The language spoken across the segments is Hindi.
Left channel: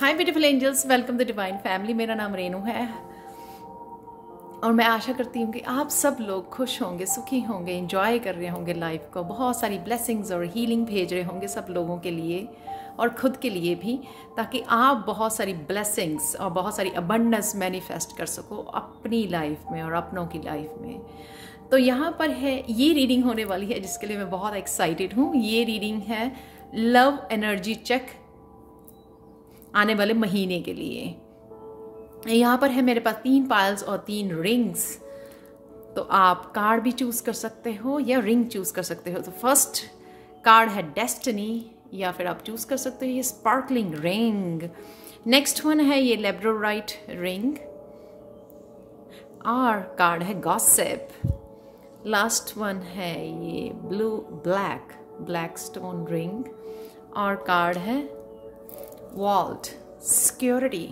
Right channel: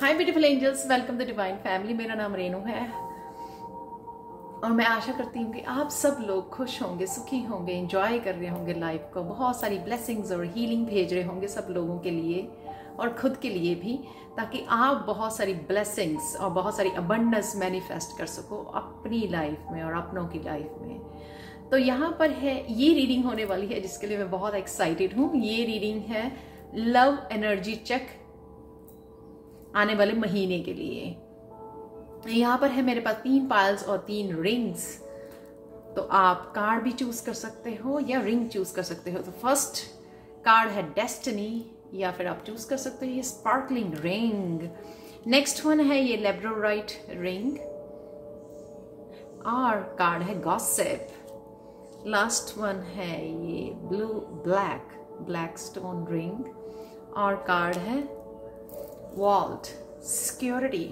Hi beautiful angels, welcome the divine family. मेरा नाम रेनू है और मैं आशा करती हूँ कि आप सब लोग खुश होंगे, सुखी होंगे, एंजॉय कर रहे होंगे लाइफ को, बहुत सारी ब्लेसिंग्स और हीलिंग भेज रहे होंगे सब लोगों के लिए और खुद के लिए भी, ताकि आप बहुत सारी ब्लेसिंग्स और बहुत सारी अबंडेंस मैनिफेस्ट कर सको अपनी लाइफ में और अपनों की लाइफ में। तो यहाँ पर है, ये रीडिंग होने वाली है जिसके लिए मैं बहुत एक्साइटेड हूँ। ये रीडिंग है लव एनर्जी चेक आने वाले महीने के लिए। यहाँ पर है मेरे पास 3 पायल्स और 3 रिंग्स। तो आप कार्ड भी चूज कर सकते हो या रिंग चूज कर सकते हो। तो फर्स्ट कार्ड है डेस्टिनी, या फिर आप चूज कर सकते हो ये स्पार्कलिंग रिंग। नेक्स्ट वन है ये लेब्रोराइट रिंग और कार्ड है गॉसिप। लास्ट वन है ये ब्लैक स्टोन रिंग और कार्ड है वॉल्ट सिक्योरिटी।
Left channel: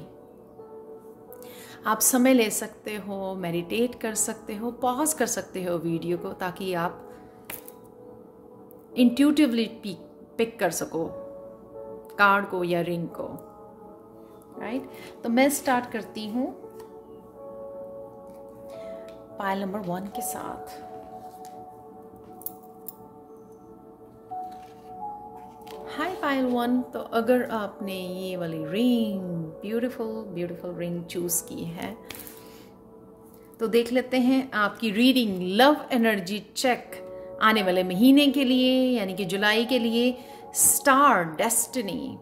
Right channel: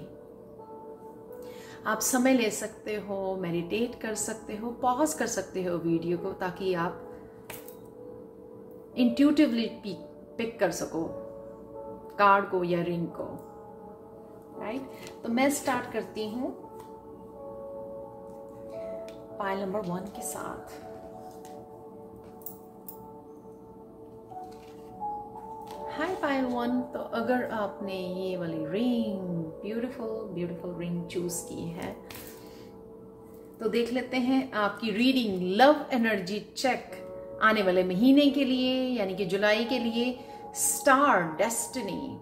आप समय ले सकते हो, मेडिटेट कर सकते हो, पॉज कर सकते हो वीडियो को, ताकि आप इंट्यूटिवली पिक कर सको कार्ड को या रिंग को। राइट, तो मैं स्टार्ट करती हूं पायल नंबर 1 के साथ। हाय पायल 1। तो अगर आपने ये वाली रिंग, ब्यूटीफुल रिंग चूज की है, तो देख लेते हैं आपकी रीडिंग लव एनर्जी चेक आने वाले महीने के लिए, यानी कि जुलाई के लिए। Star destiny.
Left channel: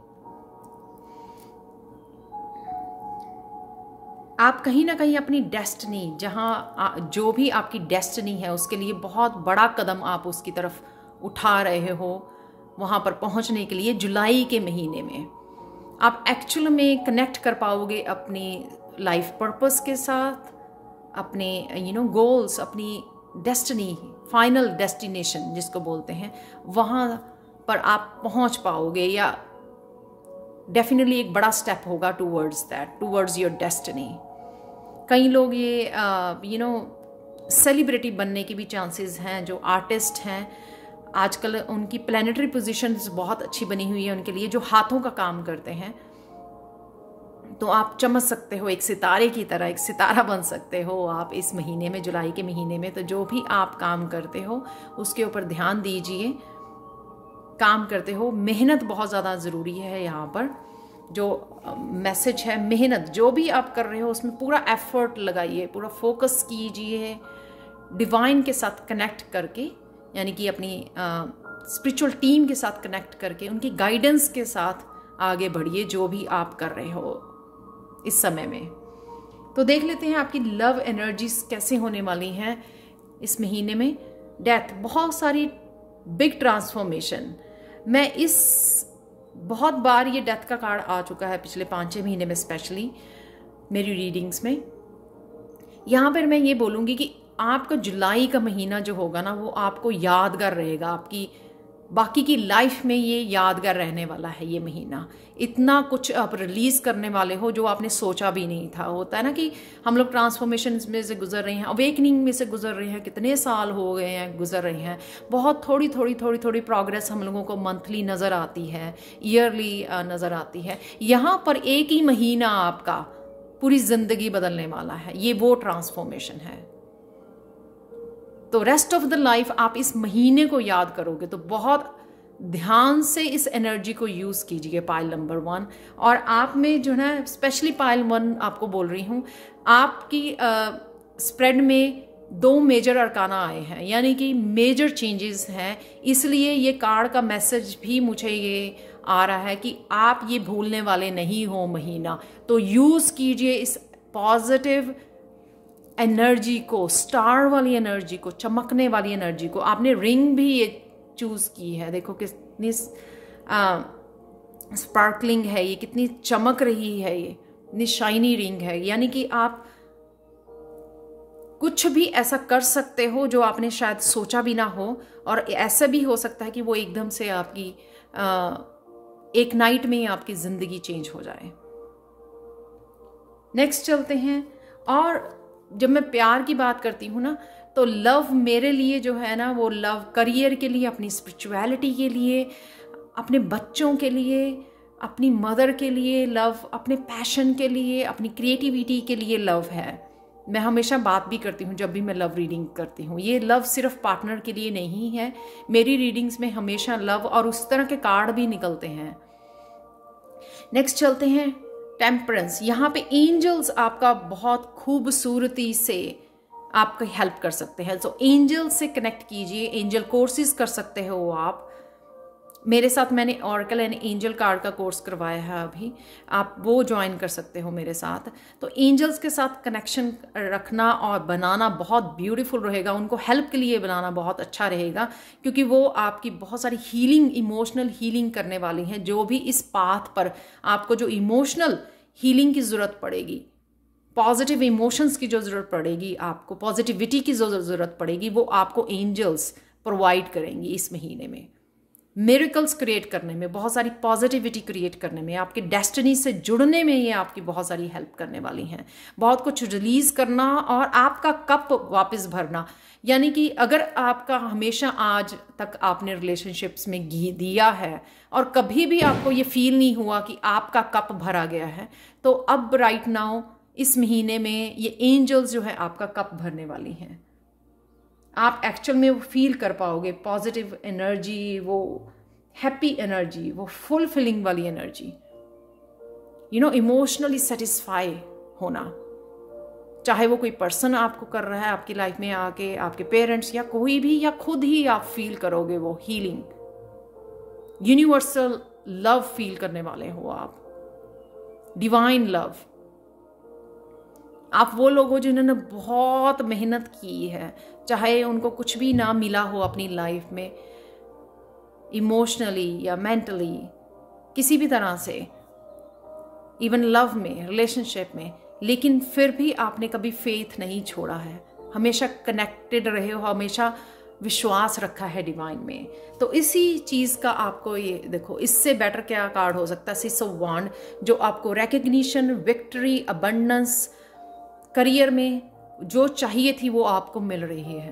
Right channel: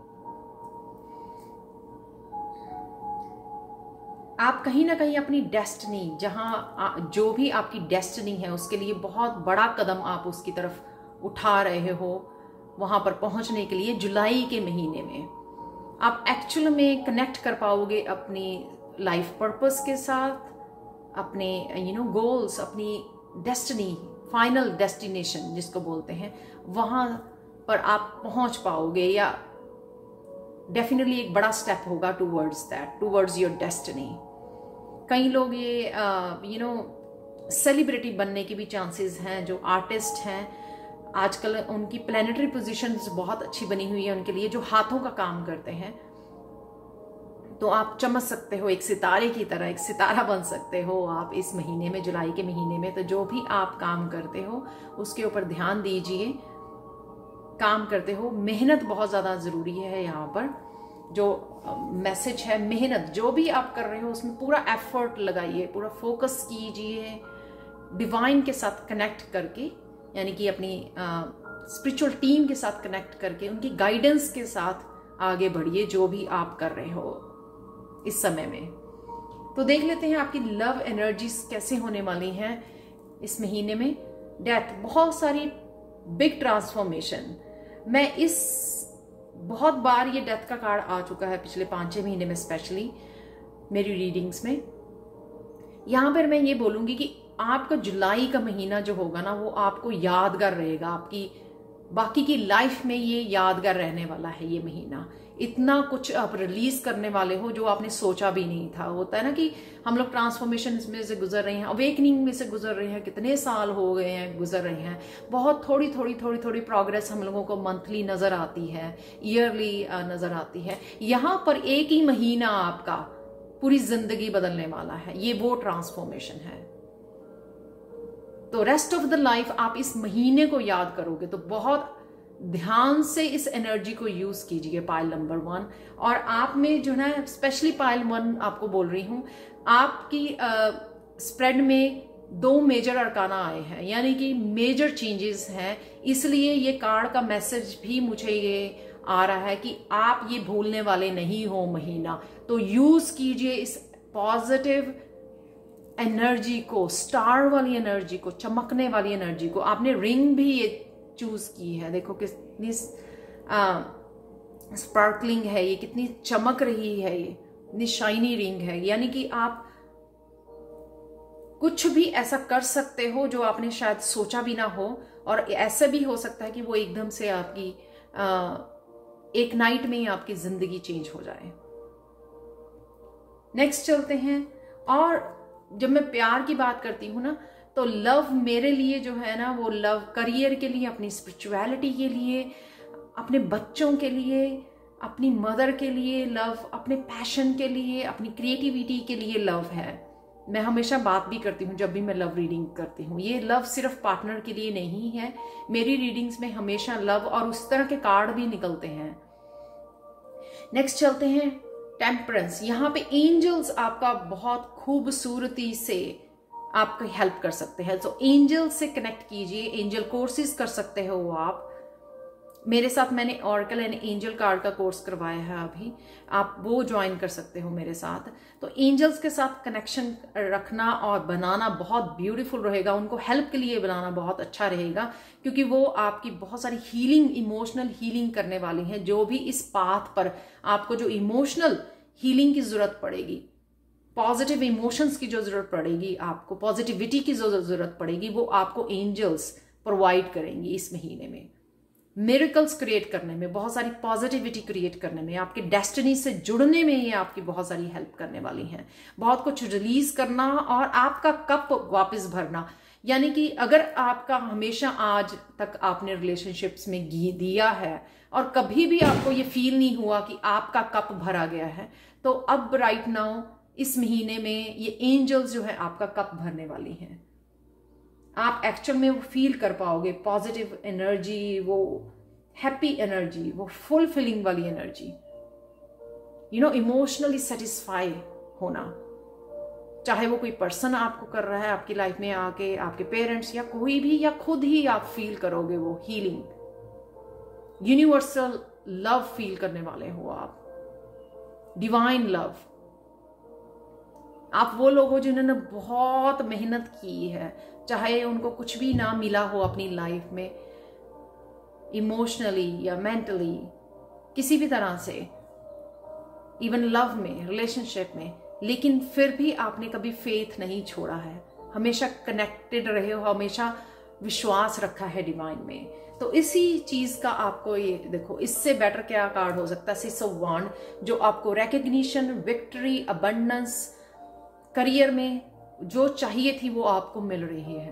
आप कहीं ना कहीं अपनी डेस्टिनी, जहां जो भी आपकी डेस्टिनी है उसके लिए बहुत बड़ा कदम आप उसकी तरफ उठा रहे हो, वहां पर पहुंचने के लिए जुलाई के महीने में आप एक्चुअल में कनेक्ट कर पाओगे अपनी लाइफ पर्पस के साथ, अपने गोल्स, अपनी डेस्टिनी, फाइनल डेस्टिनेशन जिसको बोलते हैं, वहां पर आप पहुंच पाओगे, या डेफिनेटली एक बड़ा स्टेप होगा टूवर्ड्स योर डेस्टिनी। कई लोग ये सेलिब्रिटी बनने के भी चांसेस हैं। जो आर्टिस्ट हैं आजकल, उनकी प्लैनेटरी पोजीशंस बहुत अच्छी बनी हुई है उनके लिए, जो हाथों का काम करते हैं। तो आप चमक सकते हो एक सितारे की तरह, एक सितारा बन सकते हो आप इस महीने में, जुलाई के महीने में। तो जो भी आप काम करते हो उसके ऊपर ध्यान दीजिए। काम करते हो, मेहनत बहुत ज़्यादा ज़रूरी है। यहाँ पर जो मैसेज है, मेहनत जो भी आप कर रहे हो उसमें पूरा एफर्ट लगाइए, पूरा फोकस कीजिए, डिवाइन के साथ कनेक्ट करके, यानी कि अपनी स्पिरिचुअल टीम के साथ कनेक्ट करके उनकी गाइडेंस के साथ आगे बढ़िए जो भी आप कर रहे हो इस समय में। तो देख लेते हैं आपकी लव एनर्जीज कैसे होने वाली हैं इस महीने में। डेथ, बहुत सारी बिग ट्रांसफॉर्मेशन। मैं बहुत बार ये डेथ का कार्ड आ चुका है पिछले 5-6 महीने में, स्पेशली मेरी रीडिंग्स में। यहां पर मैं ये बोलूंगी कि आपका जुलाई का महीना जो होगा ना, वो आपको यादगार रहेगा, आपकी बाकी की लाइफ में ये यादगार रहने वाला है। ये महीना इतना कुछ आप रिलीज करने वाले हो जो आपने सोचा भी नहीं था। होता है ना कि हम लोग ट्रांसफॉर्मेशन में से गुजर रहे हैं, अवेकनिंग में से गुजर रहे हैं, कितने साल हो गए हैं गुजर रहे हैं, बहुत थोड़ी प्रोग्रेस हम लोगों को मंथली नजर आती है, ईयरली नजर आती है। यहाँ पर एक ही महीना आपका पूरी जिंदगी बदलने वाला है। ये वो ट्रांसफॉर्मेशन है। तो रेस्ट ऑफ द लाइफ आप इस महीने को याद करोगे, तो बहुत ध्यान से इस एनर्जी को यूज कीजिए पायल नंबर 1। और आप में जो है, स्पेशली पायल 1 आपको बोल रही हूं, आपकी स्प्रेड में 2 मेजर अरकाना आए हैं, यानी कि मेजर चेंजेस हैं। इसलिए ये कार्ड का मैसेज भी मुझे ये आ रहा है कि आप ये भूलने वाले नहीं हो महीना। तो यूज कीजिए इस पॉजिटिव एनर्जी को, स्टार वाली एनर्जी को, चमकने वाली एनर्जी को। आपने रिंग भी ये चूज की है, देखो कितनी स्पार्कलिंग है, ये कितनी चमक रही है, ये इतनी शाइनी रिंग है। यानी कि आप कुछ भी ऐसा कर सकते हो जो आपने शायद सोचा भी ना हो, और ऐसा भी हो सकता है कि वो एकदम से आपकी एक नाइट में ही आपकी जिंदगी चेंज हो जाए। नेक्स्ट चलते हैं। और जब मैं प्यार की बात करती हूँ ना, तो लव मेरे लिए जो है ना, वो लव करियर के लिए, अपनी स्पिरिचुअलिटी के लिए, अपने बच्चों के लिए, अपनी मदर के लिए लव, अपने पैशन के लिए, अपनी क्रिएटिविटी के लिए लव है। मैं हमेशा बात भी करती हूँ जब भी मैं लव रीडिंग करती हूँ, ये लव सिर्फ पार्टनर के लिए नहीं है। मेरी रीडिंग्स में हमेशा लव और उस तरह के कार्ड भी निकलते हैं। नेक्स्ट चलते हैं टेम्परेंस। यहाँ पे एंजल्स आपका बहुत खूबसूरती से आपकी हेल्प कर सकते हैं। तो एंजल से कनेक्ट कीजिए, एंजल कोर्सेज कर सकते हो आप। मेरे साथ मैंने ऑरेकल एंड एंजल कार्ड का कोर्स करवाया है अभी, आप वो ज्वाइन कर सकते हो मेरे साथ। तो एंजल्स के साथ कनेक्शन रखना और बनाना बहुत ब्यूटीफुल रहेगा, उनको हेल्प के लिए बनाना बहुत अच्छा रहेगा, क्योंकि वो आपकी बहुत सारी हीलिंग, इमोशनल हीलिंग करने वाली हैं। जो भी इस पाथ पर आपको जो इमोशनल हीलिंग की जरूरत पड़ेगी, पॉजिटिव इमोशंस की जो जरूरत पड़ेगी, आपको पॉजिटिविटी की जो जरूरत पड़ेगी, वो आपको एंजल्स प्रोवाइड करेंगी इस महीने में। मिरेकल्स क्रिएट करने में, बहुत सारी पॉजिटिविटी क्रिएट करने में, आपके डेस्टिनी से जुड़ने में ये आपकी बहुत सारी हेल्प करने वाली हैं। बहुत कुछ रिलीज करना और आपका कप वापस भरना। यानी कि अगर आपका हमेशा आज तक आपने रिलेशनशिप्स में दिया है और कभी भी आपको ये फील नहीं हुआ कि आपका कप भरा गया है, तो अब राइट नाउ इस महीने में ये एंजल्स जो है आपका कप भरने वाली हैं। आप एक्चुअल में वो फील कर पाओगे पॉजिटिव एनर्जी, वो हैप्पी एनर्जी, वो फुलफिलिंग वाली एनर्जी, इमोशनली सेटिस्फाई होना। चाहे वो कोई पर्सन आपको कर रहा है आपकी लाइफ में आके, आपके पेरेंट्स या कोई भी, या खुद ही आप फील करोगे वो हीलिंग, यूनिवर्सल लव फील करने वाले हो आप, डिवाइन लव। आप वो लोग हो जिन्होंने बहुत मेहनत की है, चाहे उनको कुछ भी ना मिला हो अपनी लाइफ में, इमोशनली या मेंटली, किसी भी तरह से, इवन लव में, रिलेशनशिप में, लेकिन फिर भी आपने कभी फेथ नहीं छोड़ा है, हमेशा कनेक्टेड रहे हो, हमेशा विश्वास रखा है डिवाइन में। तो इसी चीज का आपको ये देखो, इससे बेटर क्या कार्ड हो सकता है? सिक्स ऑफ वांड, जो आपको रिकग्निशन, विक्ट्री, अबंडेंस, करियर में जो चाहिए थी वो आपको मिल रही है,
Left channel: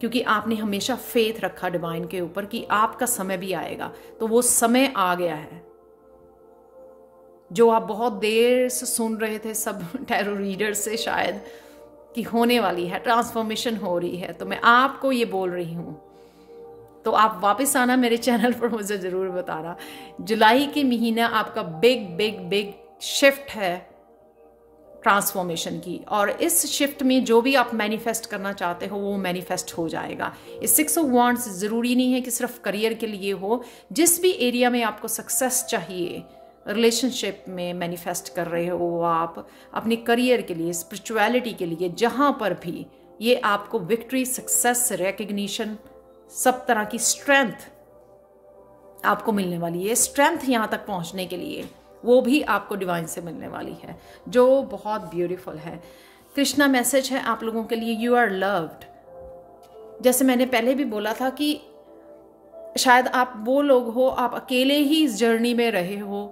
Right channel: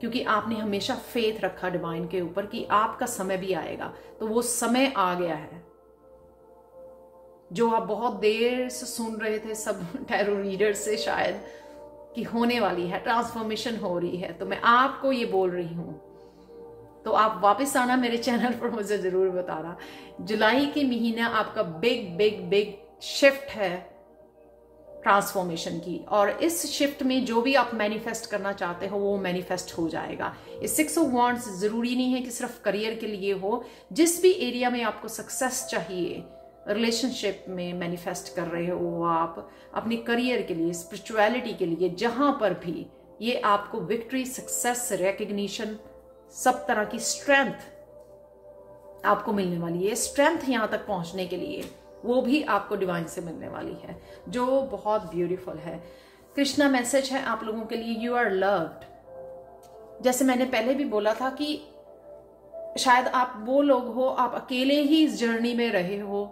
क्योंकि आपने हमेशा फेथ रखा डिवाइन के ऊपर कि आपका समय भी आएगा। तो वो समय आ गया है जो आप बहुत देर से सुन रहे थे सब टैरो रीडर से शायद, कि होने वाली है, ट्रांसफॉर्मेशन हो रही है। तो मैं आपको ये बोल रही हूं, तो आप वापस आना मेरे चैनल पर, मुझे जरूर बताना। जुलाई के महीना आपका बिग बिग बिग शिफ्ट है ट्रांसफॉर्मेशन की, और इस शिफ्ट में जो भी आप मैनिफेस्ट करना चाहते हो वो मैनिफेस्ट हो जाएगा। इस सिक्स ऑफ वांड्स जरूरी नहीं है कि सिर्फ करियर के लिए हो, जिस भी एरिया में आपको सक्सेस चाहिए, रिलेशनशिप में मैनिफेस्ट कर रहे हो आप, अपने करियर के लिए, स्पिरिचुअलिटी के लिए, जहां पर भी ये आपको विक्ट्री, सक्सेस, रिकग्निशन, सब तरह की स्ट्रेंथ आपको मिलने वाली है। स्ट्रेंथ यहां तक पहुंचने के लिए वो भी आपको डिवाइन से मिलने वाली है, जो बहुत ब्यूटीफुल है। कृष्णा मैसेज है आप लोगों के लिए, यू आर लव्ड। जैसे मैंने पहले भी बोला था कि शायद आप वो लोग हो, आप अकेले ही इस जर्नी में रहे हो,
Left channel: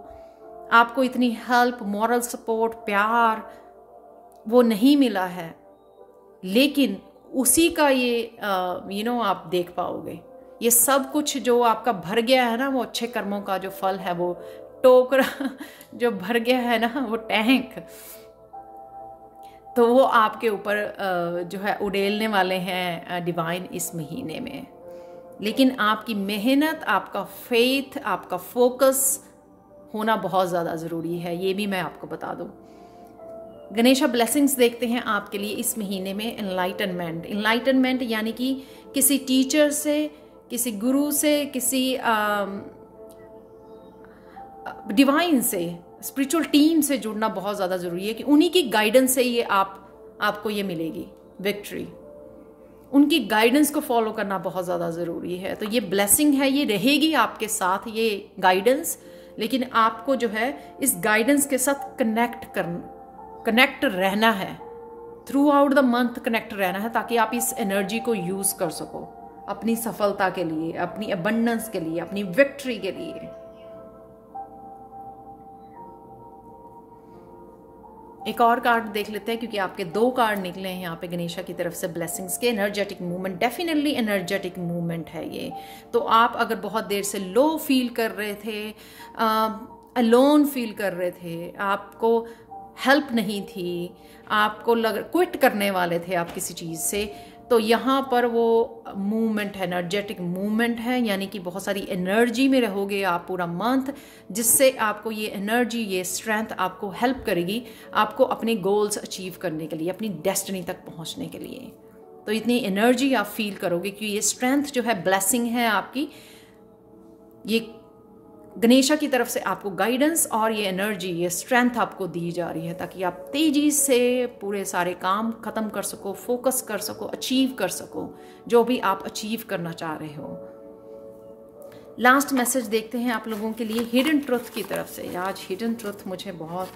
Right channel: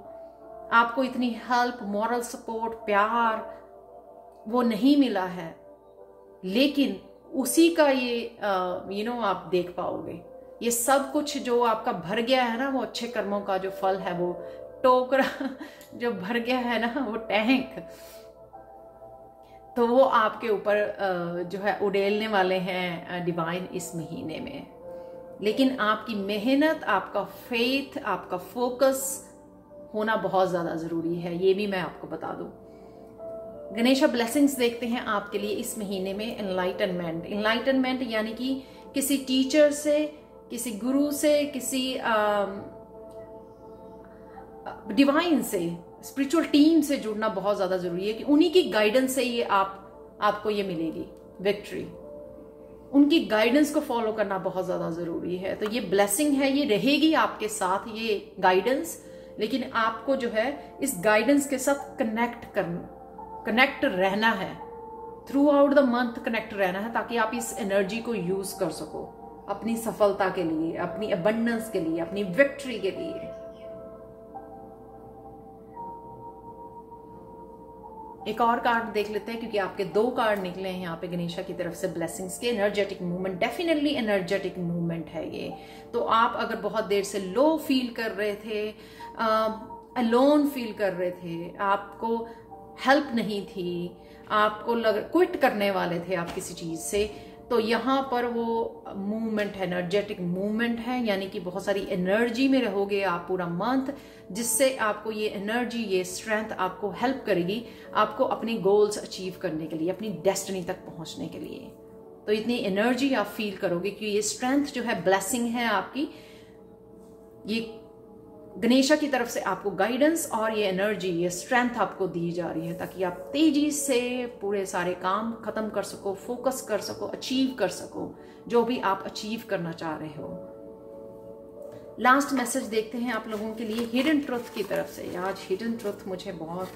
आपको इतनी हेल्प, मॉरल सपोर्ट, प्यार वो नहीं मिला है, लेकिन उसी का ये आप देख पाओगे। ये सब कुछ जो आपका भर गया है ना, वो अच्छे कर्मों का जो फल है, वो टोकरा जो भर गया है ना, वो टैंक, तो वो आपके ऊपर जो है उड़ेलने वाले हैं डिवाइन इस महीने में। लेकिन आपकी मेहनत, आपका फेथ, आपका फोकस होना बहुत ज्यादा जरूरी है, ये भी मैं आपको बता दूं। गणेशा ब्लेसिंग्स देखते हैं आपके लिए इस महीने में। एनलाइटनमेंट, एनलाइटनमेंट यानी कि किसी टीचर से, किसी गुरु से, किसी डिवाइन से, स्पिरिचुअल टीम से जुड़ना बहुत ज्यादा जरूरी है, कि उन्हीं की गाइडेंस से ये आपको ये मिलेगी विक्ट्री। उनकी गाइडेंस को फॉलो करना बहुत ज्यादा जरूरी है। तो ये ब्लेसिंग है, ये रहेगी आपके साथ, ये गाइडेंस, लेकिन आपको जो है इस गाइडेंस के साथ कनेक्ट रहना है, through out the month connect रहना है, ताकि आप इस एनर्जी को यूज कर सको अपनी सफलता के लिए, अपनी अबंडेंस के लिए, अपनी विक्ट्री के लिए। एक और कार्ड देख लेते हैं, क्योंकि आपके 2 कार्ड निकले हैं यहाँ पे गणेशा की तरफ से ब्लेसिंग्स के। Energetic movement, definitely energetic movement है ये। तो आप अगर बहुत देर से लो फील कर रहे थे, अलोन फील कर रहे थे, आपको हेल्प नहीं थी, आपको क्विट करने वाले थे आप किसी चीज़ से, तो यहाँ पर वो मूवमेंट है, एनर्जेटिक मूवमेंट है, यानी कि बहुत सारी एनर्जी में रहोगे आप पूरा मंथ, जिससे आपको ये एनर्जी, ये स्ट्रेंथ आपको हेल्प करेगी आपको अपने गोल्स अचीव करने के लिए, अपनी डेस्टिनी तक पहुंचने के लिए। तो इतनी एनर्जी आप फील करोगे कि ये स्ट्रेंथ जो है ब्लेसिंग है आपकी, ये गणेशा की तरफ से आपको गाइडेंस और ये एनर्जी, ये स्ट्रेंथ आपको दी जा रही है, ताकि आप तेजी से पूरे सारे काम खत्म कर सको, फोकस कर सको, अचीव कर सको जो भी आप अचीव करना चाह रहे हो। लास्ट मैसेज देखते हैं आप लोगों के लिए हिडन ट्रुथ की तरफ से। आज हिडन ट्रुथ मुझे बहुत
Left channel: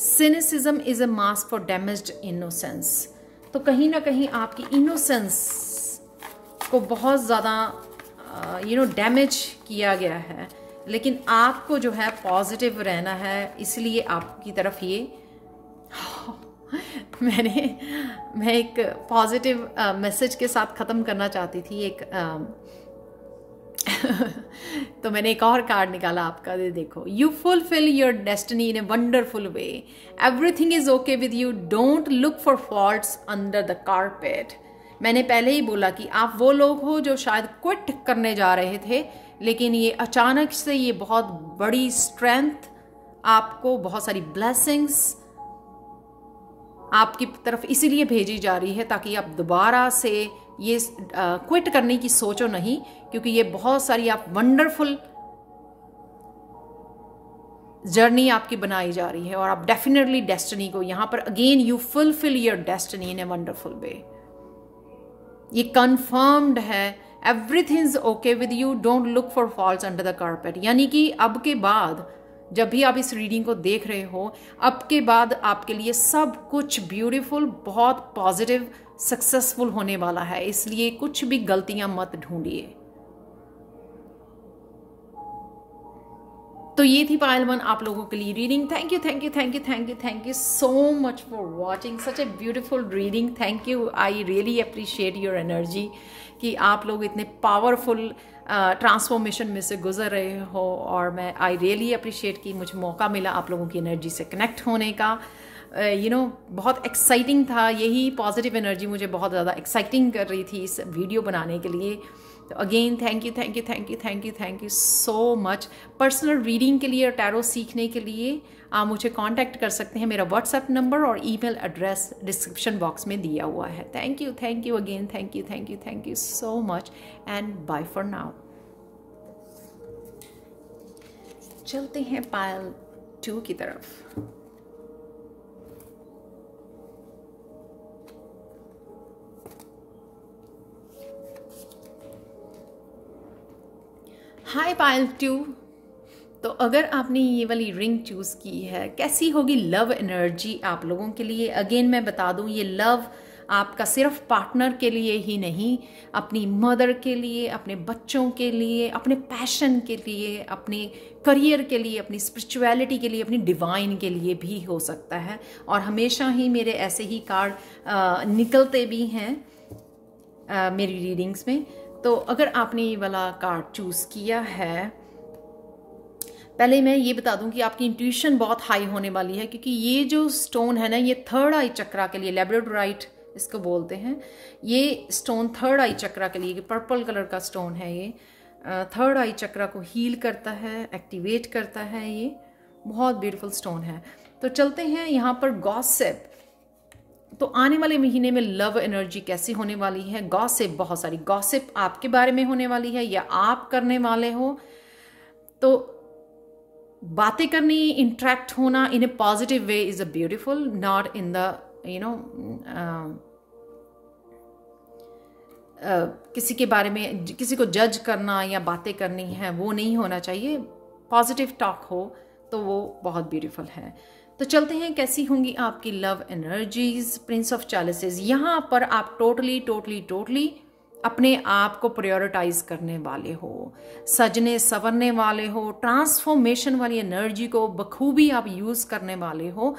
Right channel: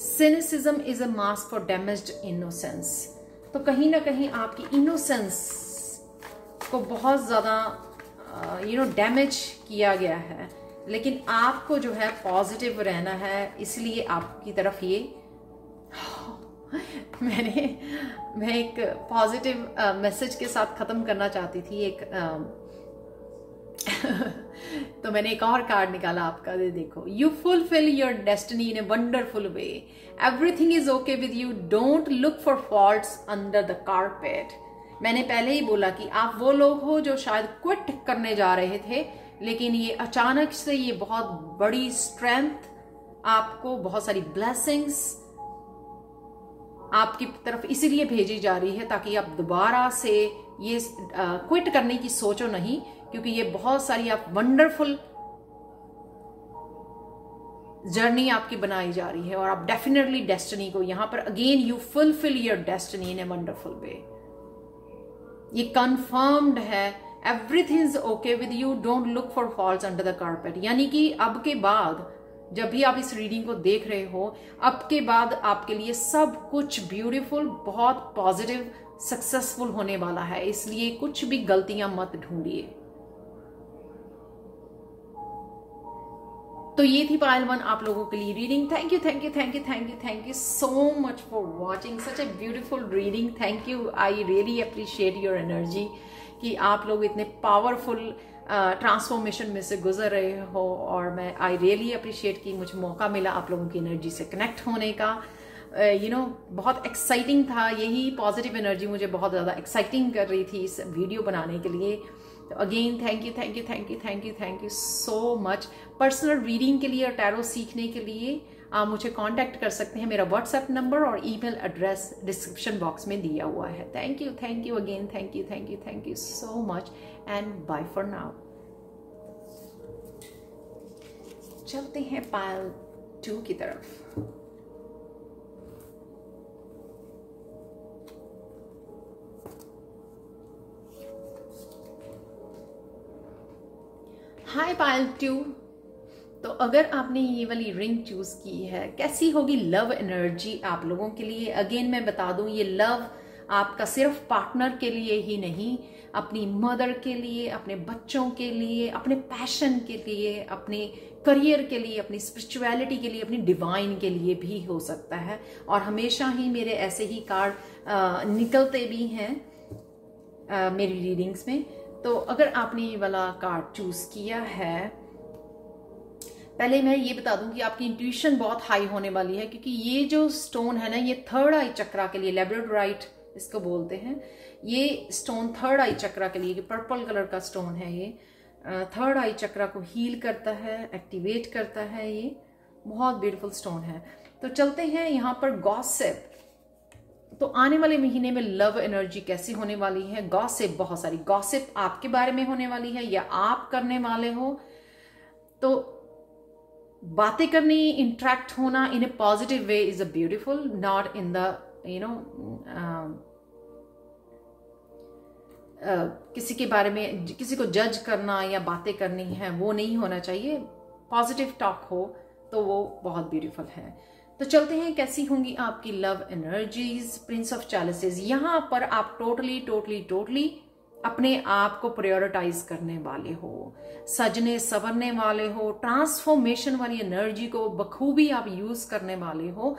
cynicism is a mask for damaged innocence. तो कहीं ना कहीं आपकी इनोसेंस को बहुत ज़्यादा डैमेज किया गया है, लेकिन आपको जो है पॉजिटिव रहना है, इसलिए आपकी तरफ ये मैं एक पॉजिटिव मैसेज के साथ ख़त्म करना चाहती थी एक तो मैंने एक और कार्ड निकाला आपका, देखो, you fulfil your destiny in a wonderful way, everything is okay with you, don't look for faults under the carpet. मैंने पहले ही बोला कि आप वो लोग हो जो शायद क्विट करने जा रहे थे, लेकिन ये अचानक से ये बहुत बड़ी स्ट्रेंथ, आपको बहुत सारी ब्लेसिंग्स आपकी तरफ इसीलिए भेजी जा रही है ताकि आप दोबारा से ये क्विट करने की सोचो नहीं, क्योंकि ये बहुत सारी आप वंडरफुल जर्नी आपकी बनाई जा रही है और आप डेफिनेटली डेस्टिनी को यहां पर again you fulfil your destiny in a wonderful वे। ये कंफर्म्ड है, everything is okay with you, don't look for faults under the carpet. यानी कि अब के बाद जब भी आप इस रीडिंग को देख रहे हो, अब के बाद आपके लिए सब कुछ ब्यूटीफुल, बहुत पॉजिटिव, सक्सेसफुल होने वाला है, इसलिए कुछ भी गलतियां मत ढूंढिए। तो ये थी पायल 1 आप लोगों के लिए reading. Thank you thank you thank you thank you thank you so much for watching such a beautiful reading. Thank you, I really appreciate your energy कि आप लोग इतने पावरफुल ट्रांसफॉर्मेशन में से गुजर रहे हो, और मैं आई रियली अप्रिशिएट कि मुझे मौका मिला आप लोगों की एनर्जी से कनेक्ट होने का। बहुत एक्साइटिंग था, यही पॉजिटिव एनर्जी मुझे बहुत ज़्यादा एक्साइटिंग कर रही थी इस वीडियो बनाने के लिए। तो again thank you thank you thank you thank you thank you so much. Personal reading के लिए और टैरो सीखने के लिए आप मुझे कांटेक्ट कर सकते हैं, मेरा व्हाट्सएप नंबर और ईमेल एड्रेस डिस्क्रिप्शन बॉक्स में दिया हुआ है। Thank you again, thank you so much and bye for now. चलते हैं पायल 2 की तरफ। हाय पायल 2। तो अगर आपने ये वाली रिंग चूज की है, कैसी होगी लव एनर्जी आप लोगों के लिए? अगेन मैं बता दूं, ये लव आपका सिर्फ पार्टनर के लिए ही नहीं, अपनी मदर के लिए, अपने बच्चों के लिए, अपने पैशन के लिए, अपने करियर के लिए, अपनी स्पिरिचुअलिटी के लिए, अपनी डिवाइन के लिए भी हो सकता है। और हमेशा ही मेरे ऐसे ही कार्ड निकलते भी हैं मेरी रीडिंग्स में। तो अगर आपने ये वाला कार्ड चूज किया है, पहले मैं ये बता दूं कि आपकी इंट्यूशन बहुत हाई होने वाली है, क्योंकि ये जो स्टोन है ना, ये थर्ड आई चक्रा के लिए, लैब्राडोराइट इसको बोलते हैं, ये स्टोन थर्ड आई चक्रा के लिए, पर्पल कलर का स्टोन है, ये थर्ड आई चक्रा को हील करता है, एक्टिवेट करता है, ये बहुत ब्यूटीफुल स्टोन है। तो चलते हैं यहाँ पर गॉसिप। तो आने वाले महीने में लव एनर्जी कैसी होने वाली है? गॉसिप, बहुत सारी गॉसिप आपके बारे में होने वाली है या आप करने वाले हो। तो बातें करनी, इंटरेक्ट होना in a positive way is a beautiful, not in the किसी के बारे में, किसी को जज करना या बातें करनी है, वो नहीं होना चाहिए। पॉजिटिव टॉक हो तो वो बहुत ब्यूटीफुल है। तो चलते हैं कैसी होंगी आपकी लव एनर्जीज। प्रिंस ऑफ चैलिसेस, यहां पर आप टोटली अपने आप को प्रायोरिटाइज करने वाले हो, सजने संवरने वाले हो, ट्रांसफॉर्मेशन वाली एनर्जी को बखूबी आप यूज करने वाले हो।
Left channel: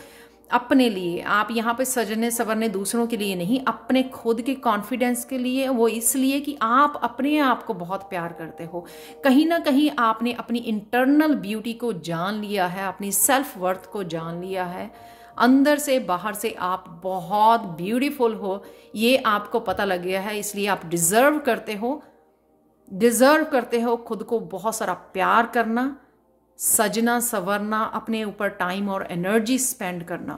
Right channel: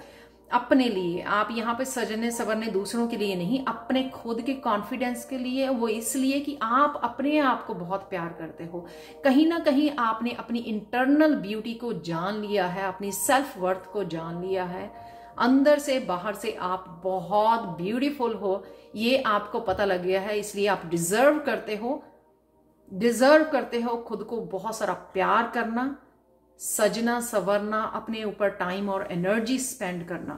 अपने लिए। आप यहाँ पे सजने संवरने दूसरों के लिए नहीं, अपने खुद के कॉन्फिडेंस के लिए। वो इसलिए कि आप अपने आप को बहुत प्यार करते हो। कहीं ना कहीं आपने अपनी इंटरनल ब्यूटी को जान लिया है, अपनी सेल्फ वर्थ को जान लिया है। अंदर से बाहर से आप बहुत ब्यूटीफुल हो, ये आपको पता लग गया है। इसलिए आप डिजर्व करते हो खुद को बहुत सारा प्यार करना, सजना संवरना, अपने ऊपर टाइम और एनर्जी स्पेंड करना।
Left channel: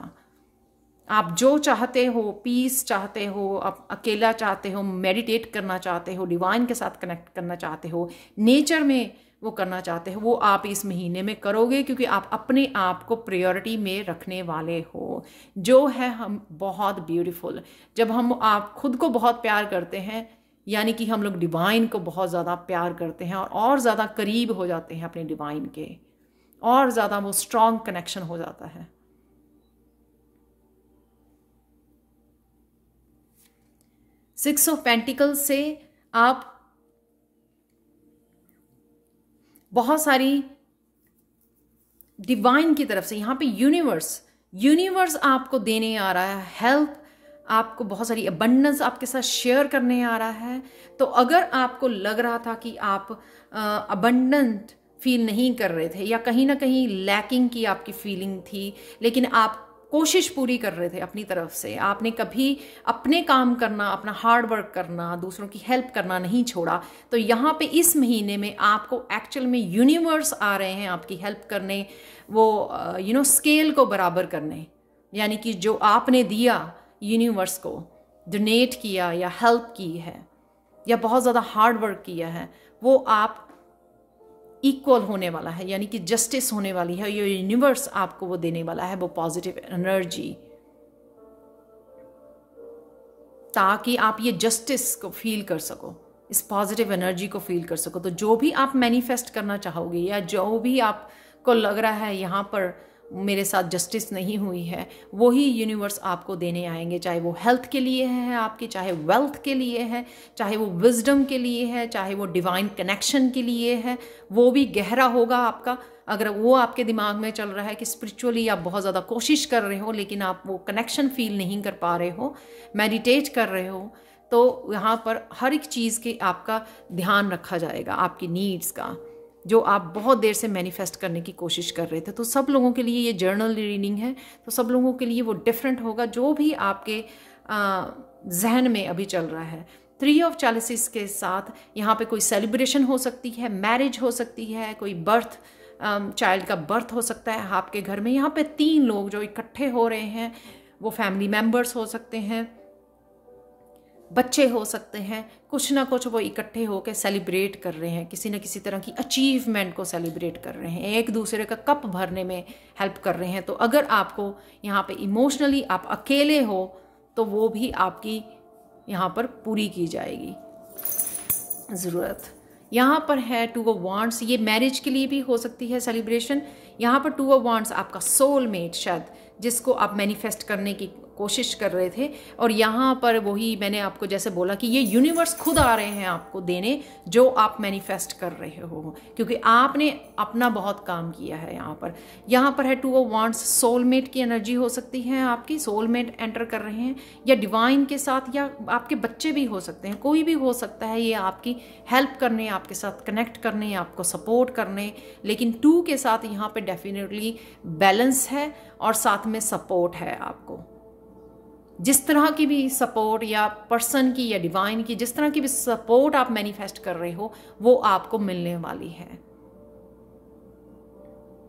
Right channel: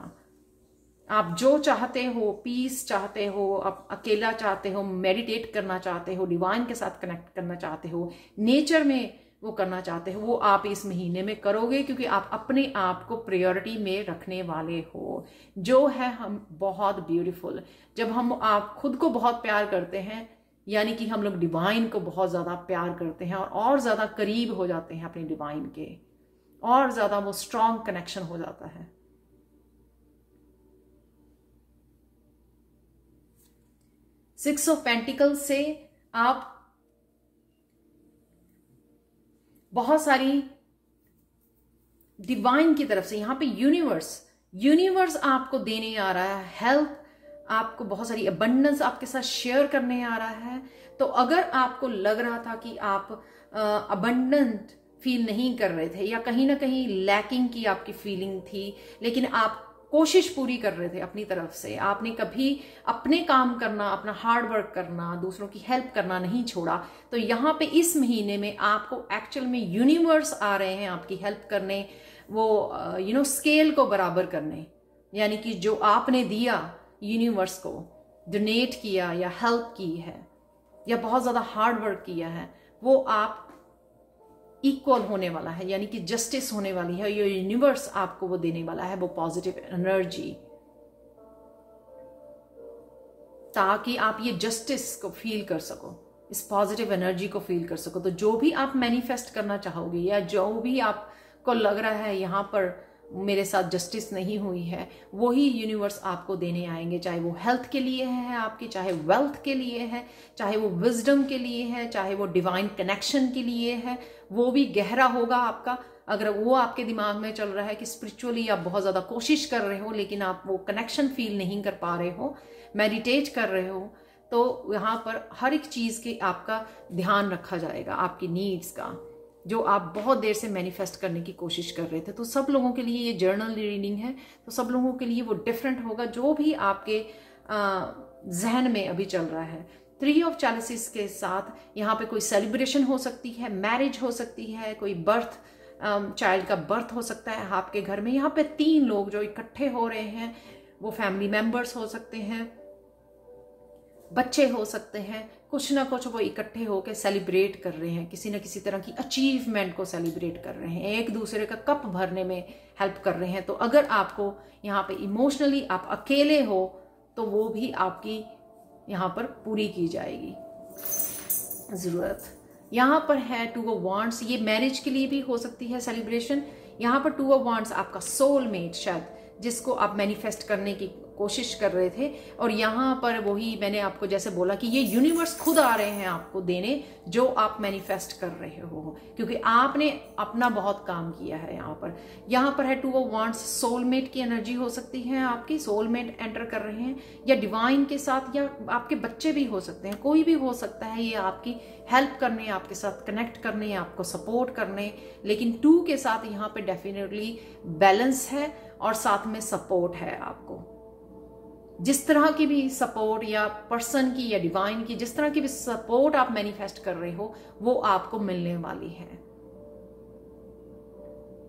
आप जो चाहते हो, पीस चाहते हो, आप अकेला चाहते हो, मेडिटेट करना चाहते हो, डिवाइन के साथ कनेक्ट करना चाहते हो, नेचर में वो करना चाहते हो, वो आप इस महीने में करोगे, क्योंकि आप अपने आप को प्रायोरिटी में रखने वाले हो। जो है हम बहुत ब्यूटीफुल। जब हम आप खुद को बहुत प्यार करते हैं, यानी कि हम लोग डिवाइन को बहुत ज़्यादा प्यार करते हैं और ज़्यादा करीब हो जाते हैं अपने डिवाइन के, और ज़्यादा वो स्ट्रॉन्ग कनेक्शन हो जाता है। सिक्स ऑफ पेंटिकल्स से आप बहुत सारी डिवाइन की तरफ से, यहां पे यूनिवर्स आपको देने आ रहा है हेल्प, आपको बहुत सारी अबंडेंस आपके साथ शेयर करने आ रहा है। तो अगर आपको लग रहा था कि आप अबंडेंट फील नहीं कर रहे थे, या कहीं ना कहीं लैकिंग की आपकी फीलिंग थी, लेकिन आप कोशिश पूरी कर रहे थे अपनी तरफ से, आपने कभी अपने काम करना, अपना हार्ड वर्क करना, दूसरों की हेल्प करना नहीं छोड़ा, तो यहाँ पे इस महीने में आपको एक्चुअल में यूनिवर्स आ रहे हैं आपकी हेल्प करने, वो स्केल को बराबर करने। यानी कि जो आपने दिया यूनिवर्स को, डोनेट किया या हेल्प की है या बहुत ज़्यादा हार्ड वर्क किया है, वो आप इक्वल होने वाला है, यानी कि जस्टिस होने वाली है। ये यूनिवर्स आपको वो देने वाला है, वो पॉजिटिव एनर्जी, ताकि आप ये जस्टिस को फील कर सको, इस पॉजिटिव एनर्जी को फील कर सको। तो जो भी आप मैनिफेस्ट करना चाहोगे, या जो भी आपको लग रहा है यहाँ पर मेरे साथ जस्टिस नहीं हुई है, वही यूनिवर्स आपको देने आएंगे। चाहे वो हेल्थ के लिए है आपकी, चाहे वेल्थ के लिए है, चाहे वो विजडम के लिए है, चाहे वो डिवाइन कनेक्शन के लिए है, वो भी गहरा होगा आपका। अगर वो आपके दिमाग में चल रहा है कि स्पिरिचुअली आप बहुत ज़्यादा कोशिश कर रहे हो, लेकिन आप वो कनेक्शन फील नहीं कर पा रहे हो, मेडिटेट कर रहे हो, तो यहाँ पर हर एक चीज़ के आपका ध्यान रखा जाएगा, आपकी नीड्स का, जो आप बहुत देर से मैनिफेस्ट करने की कोशिश कर रहे थे। तो सब लोगों के लिए ये जर्नल रीडिंग है, तो सब लोगों के लिए वो डिफरेंट होगा, जो भी आपके जहन में अभी चल रहा है। 3 ऑफ चैलिसेस के साथ यहाँ पे कोई सेलिब्रेशन हो सकती है, मैरिज हो सकती है, कोई बर्थ, चाइल्ड का बर्थ हो सकता है आपके घर में। यहाँ पे 3 लोग जो इकट्ठे हो रहे हैं, वो फैमिली मेंबर्स हो सकते हैं, बच्चे हो सकते हैं, कुछ ना कुछ वो इकट्ठे होकर सेलिब्रेट कर रहे हैं, किसी न किसी तरह की अचीवमेंट को सेलिब्रेट कर रहे हैं, एक दूसरे का कप भरने में हेल्प कर रहे हैं। तो अगर आपको यहाँ पे इमोशनली आप अकेले हो, तो वो भी आपकी यहाँ पर पूरी की जाएगी ज़रूरत। यहाँ पर है 2 ऑफ वांड्स, ये मैरिज के लिए भी हो सकती है सेलिब्रेशन। यहाँ पर 2 ऑफ वांड्स आपका सोलमेट, शायद जिसको आप मैनिफेस्ट करने की कोशिश कर रहे थे, और यहाँ पर वही मैंने आपको जैसे बोला कि ये यूनिवर्स खुद आ रहे हैं आपको देने जो आप मैनिफेस्ट कर रहे हो, क्योंकि आपने अपना बहुत काम किया है। यहाँ पर है 2 ऑफ वांड्स, सोलमेट की एनर्जी हो सकती है, आपकी सोलमेट एंटर कर रहे हैं, या डिवाइन के साथ, या आपके बच्चे भी हो सकते हैं, कोई भी हो सकता है। ये आपकी हेल्प करने, आपके साथ कनेक्ट करने, आपको सपोर्ट करने, लेकिन 2 के साथ यहाँ पे डेफिनेटली बैलेंस है और साथ में सपोर्ट है। आपको जिस तरह की भी सपोर्ट, या पर्सन की या डिवाइन की जिस तरह की भी सपोर्ट आप मैनिफेस्ट कर रहे हो, वो आपको मिलने वाली है।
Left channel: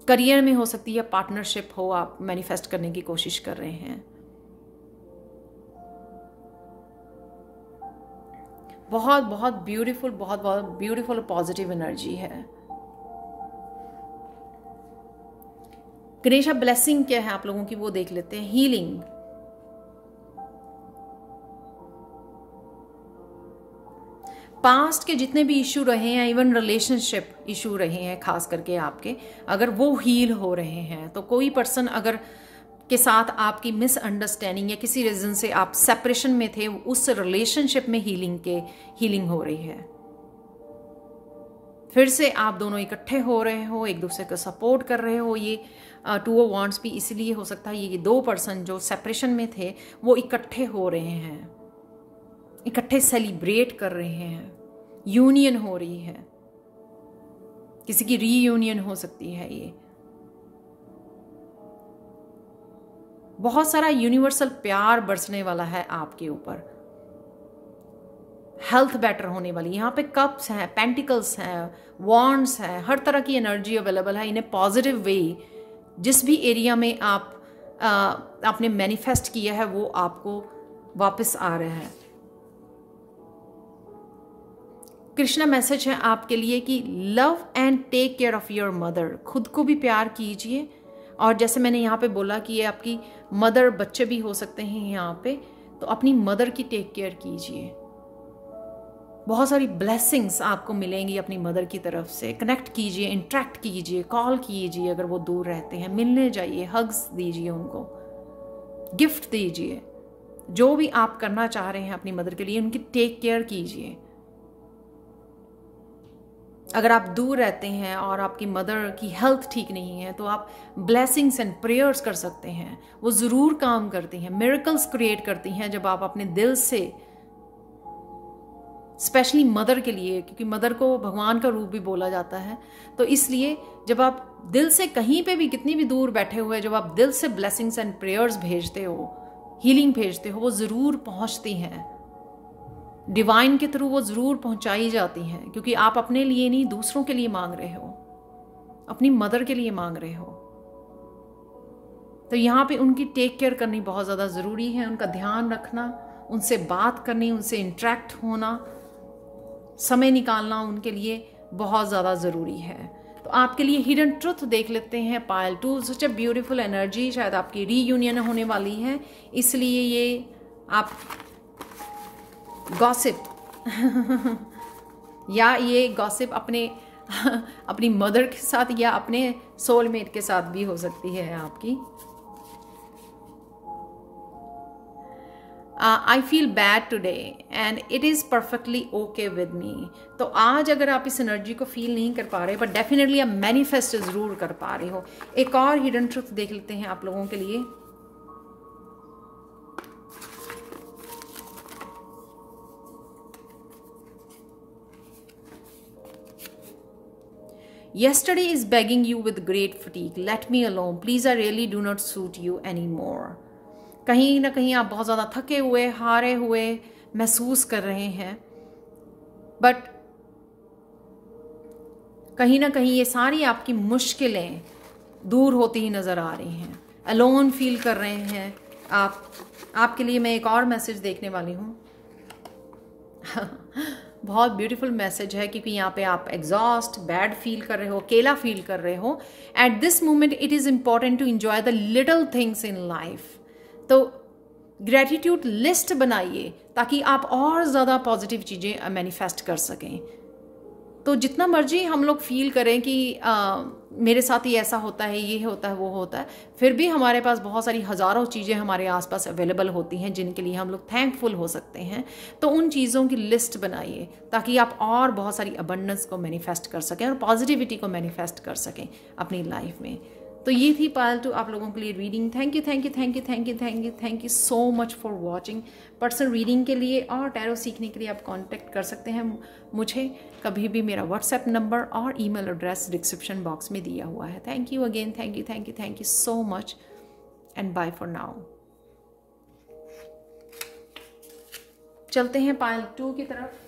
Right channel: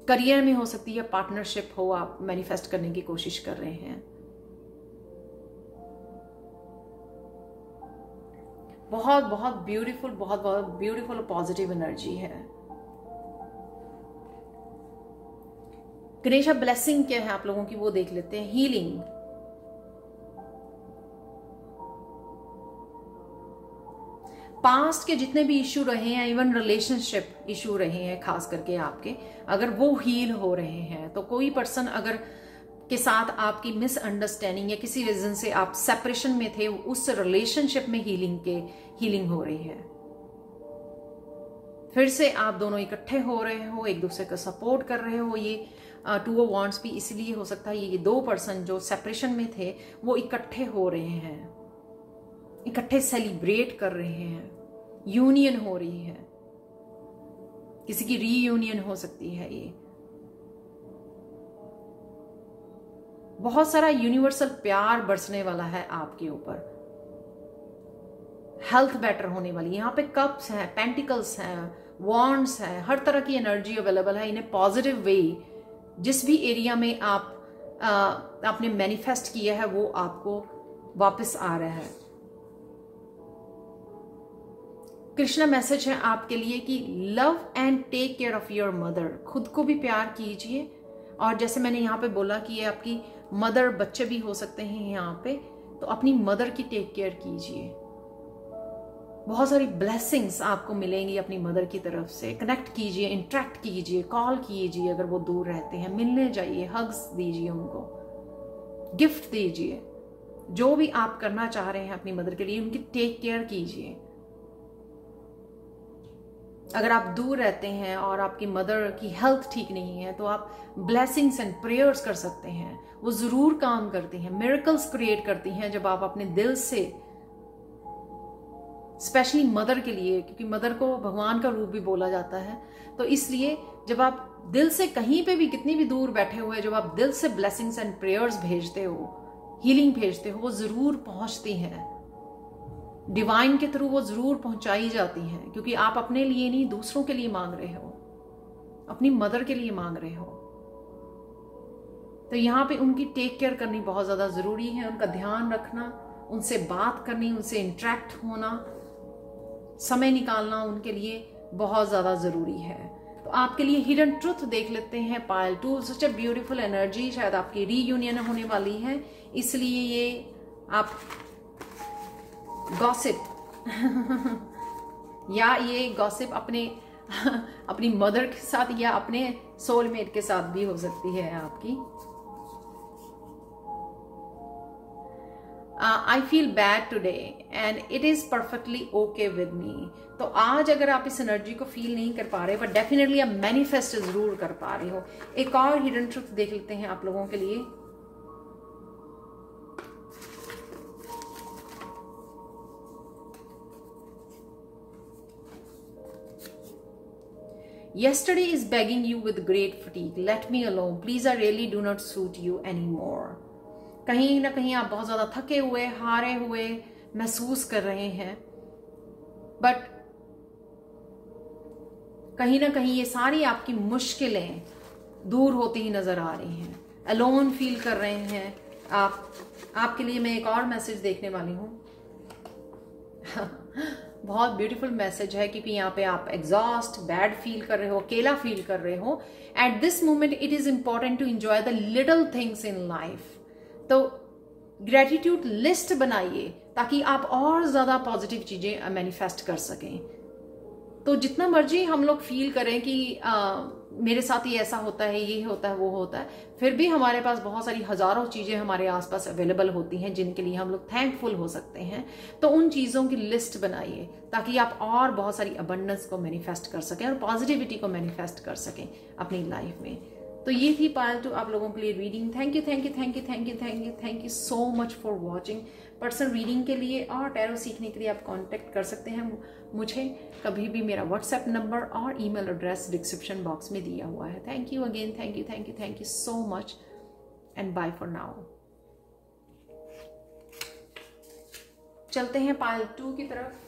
करियर में हो सकती है, पार्टनरशिप हो, आप मैनिफेस्ट करने की कोशिश कर रहे हैं। बहुत बहुत ब्यूटीफुल, बहुत बहुत ब्यूटीफुल पॉजिटिव एनर्जी है। गणेशा ब्लेसिंग क्या है आप लोगों की, वो देख लेते हैं। हीलिंग, पास्ट के जितने भी इशू रहे हैं, इवन रिलेशनशिप इशू रहे हैं खास करके आपके, अगर वो हील हो रहे हैं, तो कोई पर्सन अगर के साथ आपकी मिसअंडरस्टैंडिंग या किसी रीजन से आप सेपरेशन में थे, उस रिलेशनशिप में हीलिंग हो रही है। फिर से आप दोनों इकट्ठे हो रहे हो, एक दूसरे को सपोर्ट कर रहे हो। ये टू ऑफ वॉन्ड्स भी इसलिए हो सकता है ये दो पर्सन जो सेपरेशन में थे वो इकट्ठे हो रहे हैं, इकट्ठे सेलिब्रेट कर रहे हैं, यूनियन हो रही है, किसी की रीयूनियन हो सकती है। ये बहुत सारा यूनिवर्सल प्यार बरसने वाला है आपके ऊपर, हेल्थ बेटर होने वाली। यहाँ पे कप्स हैं, पेंटिकल्स हैं, वॉन्ड्स हैं, हर तरह की एनर्जी अवेलेबल है इन ए पॉजिटिव वे। जिस भी एरिया में आपने मैनिफेस्ट किया है वो आपको वापस आ रहा है। कृष्णा मैसेज है आपके लिए कि love and take care of your mother. खुद को भी प्यार कीजिए, और जैसे मैंने यहाँ पे बोला कि ये आपकी मदर, बच्चे भी हो सकते हैं यहाँ पे, तो अपनी मदर की टेक केयर कीजिए। बहुत सारी ब्लेसिंग्स आपको मिलेंगी अपनी मदर की तरफ से। कनेक्ट कीजिए, इंटरेक्ट कीजिए, कॉल कीजिए अगर वो दूर रहते हैं, मिलने जाइए, हग्स दीजिए उनको, गिफ्ट दीजिए, जो भी आप करना चाह रहे हैं अपनी मदर के लिए उनकी टेक केयर कीजिए। अगर आप दूर रहते हैं और आपकी मदर की हेल्थ ठीक नहीं है तो आप ब्लेसिंग्स एंड प्रेयर्स कर सकते हैं, वो जरूर काम करती हैं, मिरेकल्स क्रिएट करती हैं जब आप अपने दिल से, स्पेशली मदर के लिए, क्योंकि मदर को भगवान का रूप भी बोला जाता है। तो इसलिए जब आप दिल से कहीं पे भी, कितनी भी दूर बैठे हुए, जब आप दिल से ब्लेसिंग्स एंड प्रेयर्स भेजते हो, हीलिंग भेजते हो, वो जरूर पहुंचती हैं, डिवाइन के थ्रू वो जरूर पहुंचाई जाती हैं, क्योंकि आप अपने लिए नहीं दूसरों के लिए मांग रहे हो, अपनी मदर के लिए मांग रहे हो। तो यहाँ पे उनकी टेक केयर करनी बहुत ज्यादा जरूरी है, उनका ध्यान रखना, उनसे बात करनी, उनसे इंटरेक्ट होना, समय निकालना उनके लिए बहुत ज्यादा जरूरी है। तो आपके लिए हिडन ट्रुथ देख लेते हैं। पायल 2, सच अ ब्यूटीफुल एनर्जी, शायद आपकी रीयूनियन होने वाली है, इसलिए ये आप गॉसिप या ये गॉसिप अपनी मदर के साथ या अपने सोलमेट के साथ भी हो सकती है आपकी। I feel bad today and it is perfectly okay with me. तो आज अगर आप इस एनर्जी को फील नहीं कर पा रहे, बट डेफिनेटली आप मैनिफेस्ट जरूर कर पा रहे हो। एक और हिडन ट्रुथ देख लेते हैं आप लोगों के लिए। Yesterday is begging you with great fatigue. Let me alone. Please, I really do not suit you anymore. कहीं ना कहीं आप बहुत ज्यादा थके हुए, हारे हुए महसूस कर रहे हैं, बट कहीं ना कहीं ये सारी आपकी मुश्किलें दूर होती ही नजर आ रही हैं। अलोन फील कर रहे हैं आप। आपके लिए मैं एक और मैसेज देखने वाली हूँ। बहुत ब्यूटीफुल मैसेज है, क्योंकि यहाँ पे आप एग्जॉस्ट, बैड फील कर रहे हो, अकेला फील कर रहे हो। At this moment it is important to enjoy the little things in life. तो ग्रेटिट्यूड लिस्ट बनाइए ताकि आप और ज्यादा पॉजिटिव चीजें मैनिफेस्ट कर सकें। तो जितना मर्जी हम लोग फील करें कि मेरे साथ ये ऐसा होता है, ये होता है, वो होता है, फिर भी हमारे पास बहुत सारी हजारों चीजें हमारे आसपास अवेलेबल होती हैं जिनके लिए हम लोग थैंकफुल हो सकते हैं। तो उन चीजों की लिस्ट बनाइए ताकि आप और बहुत सारी अबंडेंस को मैनिफेस्ट कर सकें और पॉजिटिविटी को मैनिफेस्ट कर सकें अपनी लाइफ में। तो ये थी पायल 2 आप लोगों के लिए reading. Thank you, thank you, thank you, thank you, thank you, thank you so much for watching. Personal reading के लिए और टैरो सीखने के लिए आप कांटेक्ट कर सकते हैं मुझे कभी भी। मेरा व्हाट्सएप नंबर और ईमेल एड्रेस डिस्क्रिप्शन बॉक्स में दिया हुआ है। Thank you again, thank you, thank you, thank you so much and bye for now. चलते हैं पायल 2 की तरफ।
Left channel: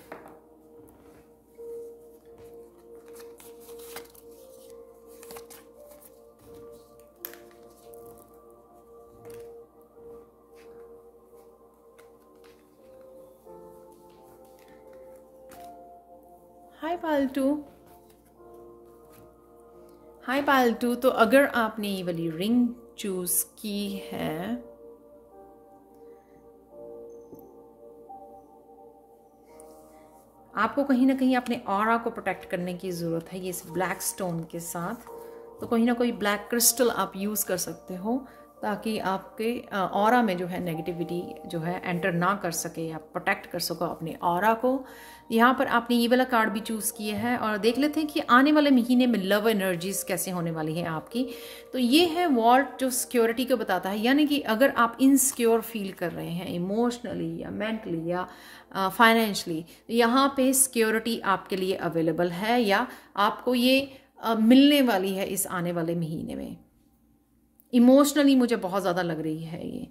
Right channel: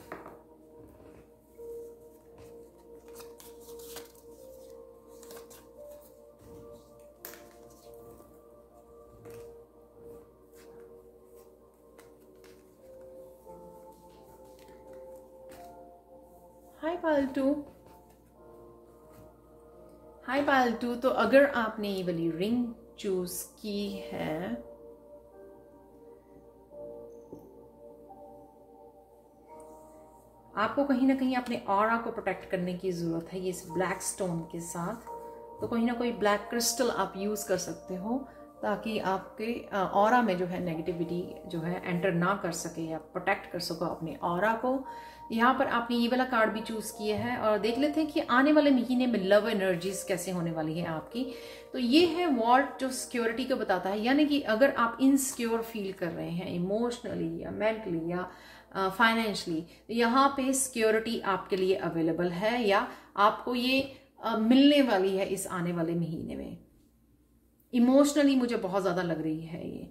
हाय पायल 2, हाय पायल 2। तो अगर आपने ये वाली रिंग चूज की है, आपको कहीं ना कहीं अपने ऑरा को प्रोटेक्ट करने की जरूरत है ये इस ब्लैक स्टोन के साथ। तो कोई ना कोई ब्लैक क्रिस्टल आप यूज कर सकते हो ताकि आपके ऑरा में जो है नेगेटिविटी जो है एंटर ना कर सके, या प्रोटेक्ट कर सको अपने ऑरा को। यहाँ पर आपने ये वाला कार्ड भी चूज़ किया है और देख लेते हैं कि आने वाले महीने में लव एनर्जीज कैसे होने वाली हैं आपकी। तो ये है वॉल्ट जो सिक्योरिटी को बताता है, यानी कि अगर आप इनसिक्योर फील कर रहे हैं इमोशनली या मेंटली या फाइनेंशली, यहाँ पे सिक्योरिटी आपके लिए अवेलेबल है, या आपको ये मिलने वाली है इस आने वाले महीने में। इमोशनली मुझे बहुत ज़्यादा लग रही है ये,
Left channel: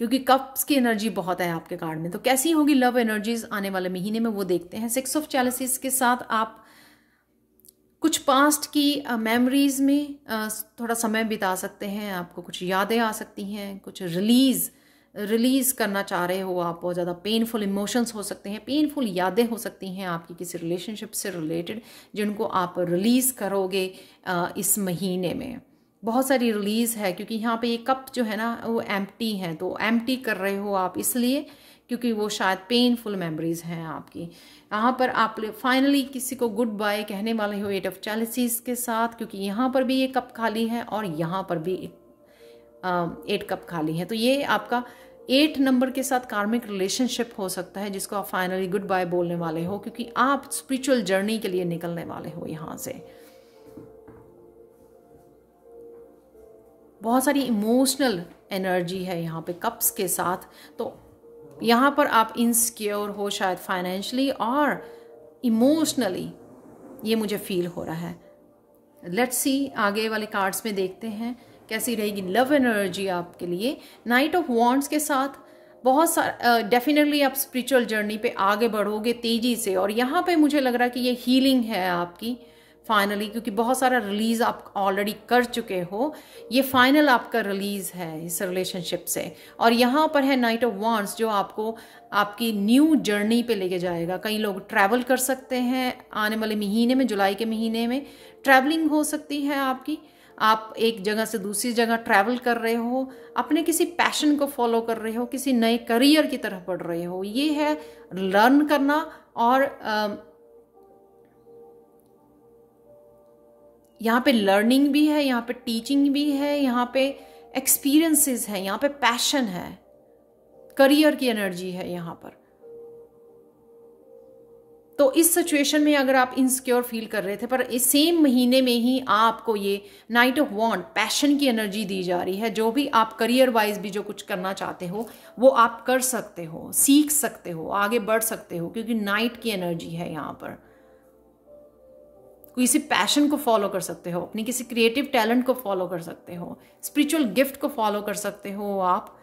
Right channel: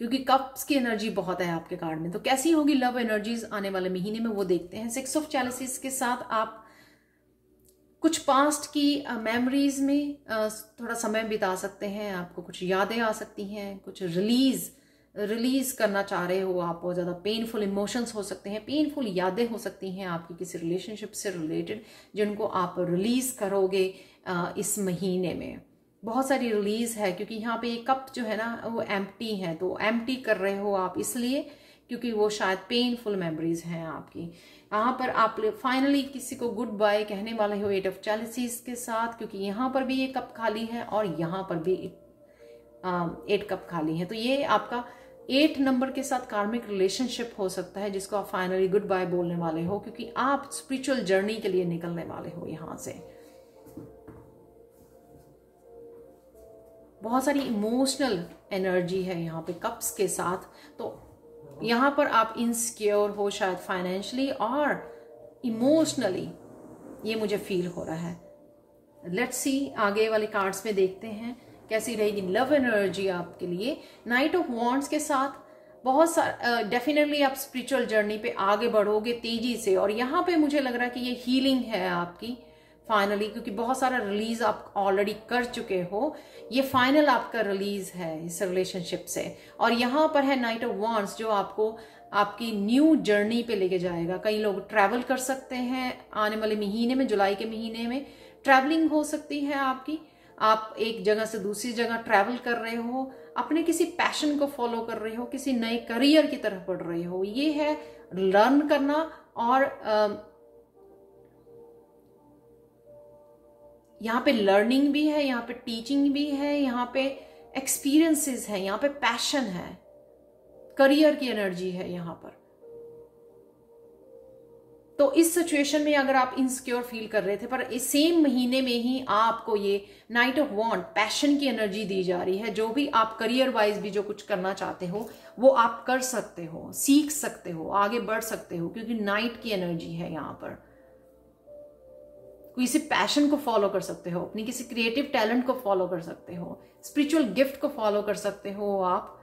क्योंकि कप्स की एनर्जी बहुत है आपके कार्ड में। तो कैसी होगी लव एनर्जीज आने वाले महीने में वो देखते हैं। 6 ऑफ चैलिसेस के साथ आप कुछ पास्ट की मेमोरीज में थोड़ा समय बिता सकते हैं। आपको कुछ यादें आ सकती हैं, कुछ रिलीज करना चाह रहे हो आप। बहुत ज़्यादा पेनफुल इमोशंस हो सकते हैं, पेनफुल यादें हो सकती हैं आपकी किसी रिलेशनशिप से रिलेटेड, जिनको आप रिलीज करोगे इस महीने में। बहुत सारी रिलीज है, क्योंकि यहाँ पे ये कप जो है ना वो एम्प्टी है। तो एम्प्टी कर रहे हो आप इसलिए क्योंकि वो शायद पेनफुल मेमोरीज हैं आपकी। यहाँ पर आप फाइनली किसी को गुड बाय कहने वाले हो 8 ऑफ चैलिसेस के साथ, क्योंकि यहाँ पर भी ये कप खाली है और यहाँ पर भी 8 कप खाली है। तो ये आपका 8 नंबर के साथ कार्मिक रिलेशनशिप हो सकता है, जिसको आप फाइनली गुड बाय बोलने वाले हो, क्योंकि आप स्पिरिचुअल जर्नी के लिए निकलने वाले हो यहाँ से। बहुत सारी इमोशनल एनर्जी है यहाँ पे कप्स के साथ। तो यहाँ पर आप इनसिक्योर हो शायद फाइनेंशियली और इमोशनली, ये मुझे फील हो रहा है। लेट्स सी आगे वाले कार्ड्स में देखते हैं कैसी रहेगी लव एनर्जी आपके लिए। नाइट ऑफ वॉन्ड्स के साथ बहुत सारा डेफिनेटली आप स्पिरिचुअल जर्नी पे आगे बढ़ोगे तेजी से, और यहाँ पे मुझे लग रहा है कि ये हीलिंग है आपकी फाइनली, क्योंकि बहुत सारा रिलीज आप ऑलरेडी कर चुके हो। ये फाइनल आपका रिलीज है इस रिलेशनशिप से। और यहाँ पर है नाइट ऑफ वॉन्ड्स जो आपको आपकी न्यू जर्नी पे लेके जाएगा। कई लोग ट्रैवल कर सकते हैं आने वाले महीने में, जुलाई के महीने में ट्रैवलिंग हो सकती है आपकी। आप एक जगह से दूसरी जगह ट्रैवल कर रहे हो, अपने किसी पैशन को फॉलो कर रहे हो, किसी नए करियर की तरफ बढ़ रहे हो। ये है लर्न करना, और यहाँ पे लर्निंग भी है, यहाँ पे टीचिंग भी है, यहाँ पे एक्सपीरियंसेस है, यहाँ पे पैशन है, करियर की एनर्जी है यहाँ पर। तो इस सिचुएशन में अगर आप इनसिक्योर फील कर रहे थे, पर इस सेम महीने में ही आपको ये नाइट ऑफ वॉन्ड पैशन की एनर्जी दी जा रही है। जो भी आप करियर वाइज भी जो कुछ करना चाहते हो वो आप कर सकते हो, सीख सकते हो, आगे बढ़ सकते हो, क्योंकि नाइट की एनर्जी है यहाँ पर। किसी पैशन को फॉलो कर सकते हो, अपनी किसी क्रिएटिव टैलेंट को फॉलो कर सकते हो, स्पिरिचुअल गिफ्ट को फॉलो कर सकते हो आप।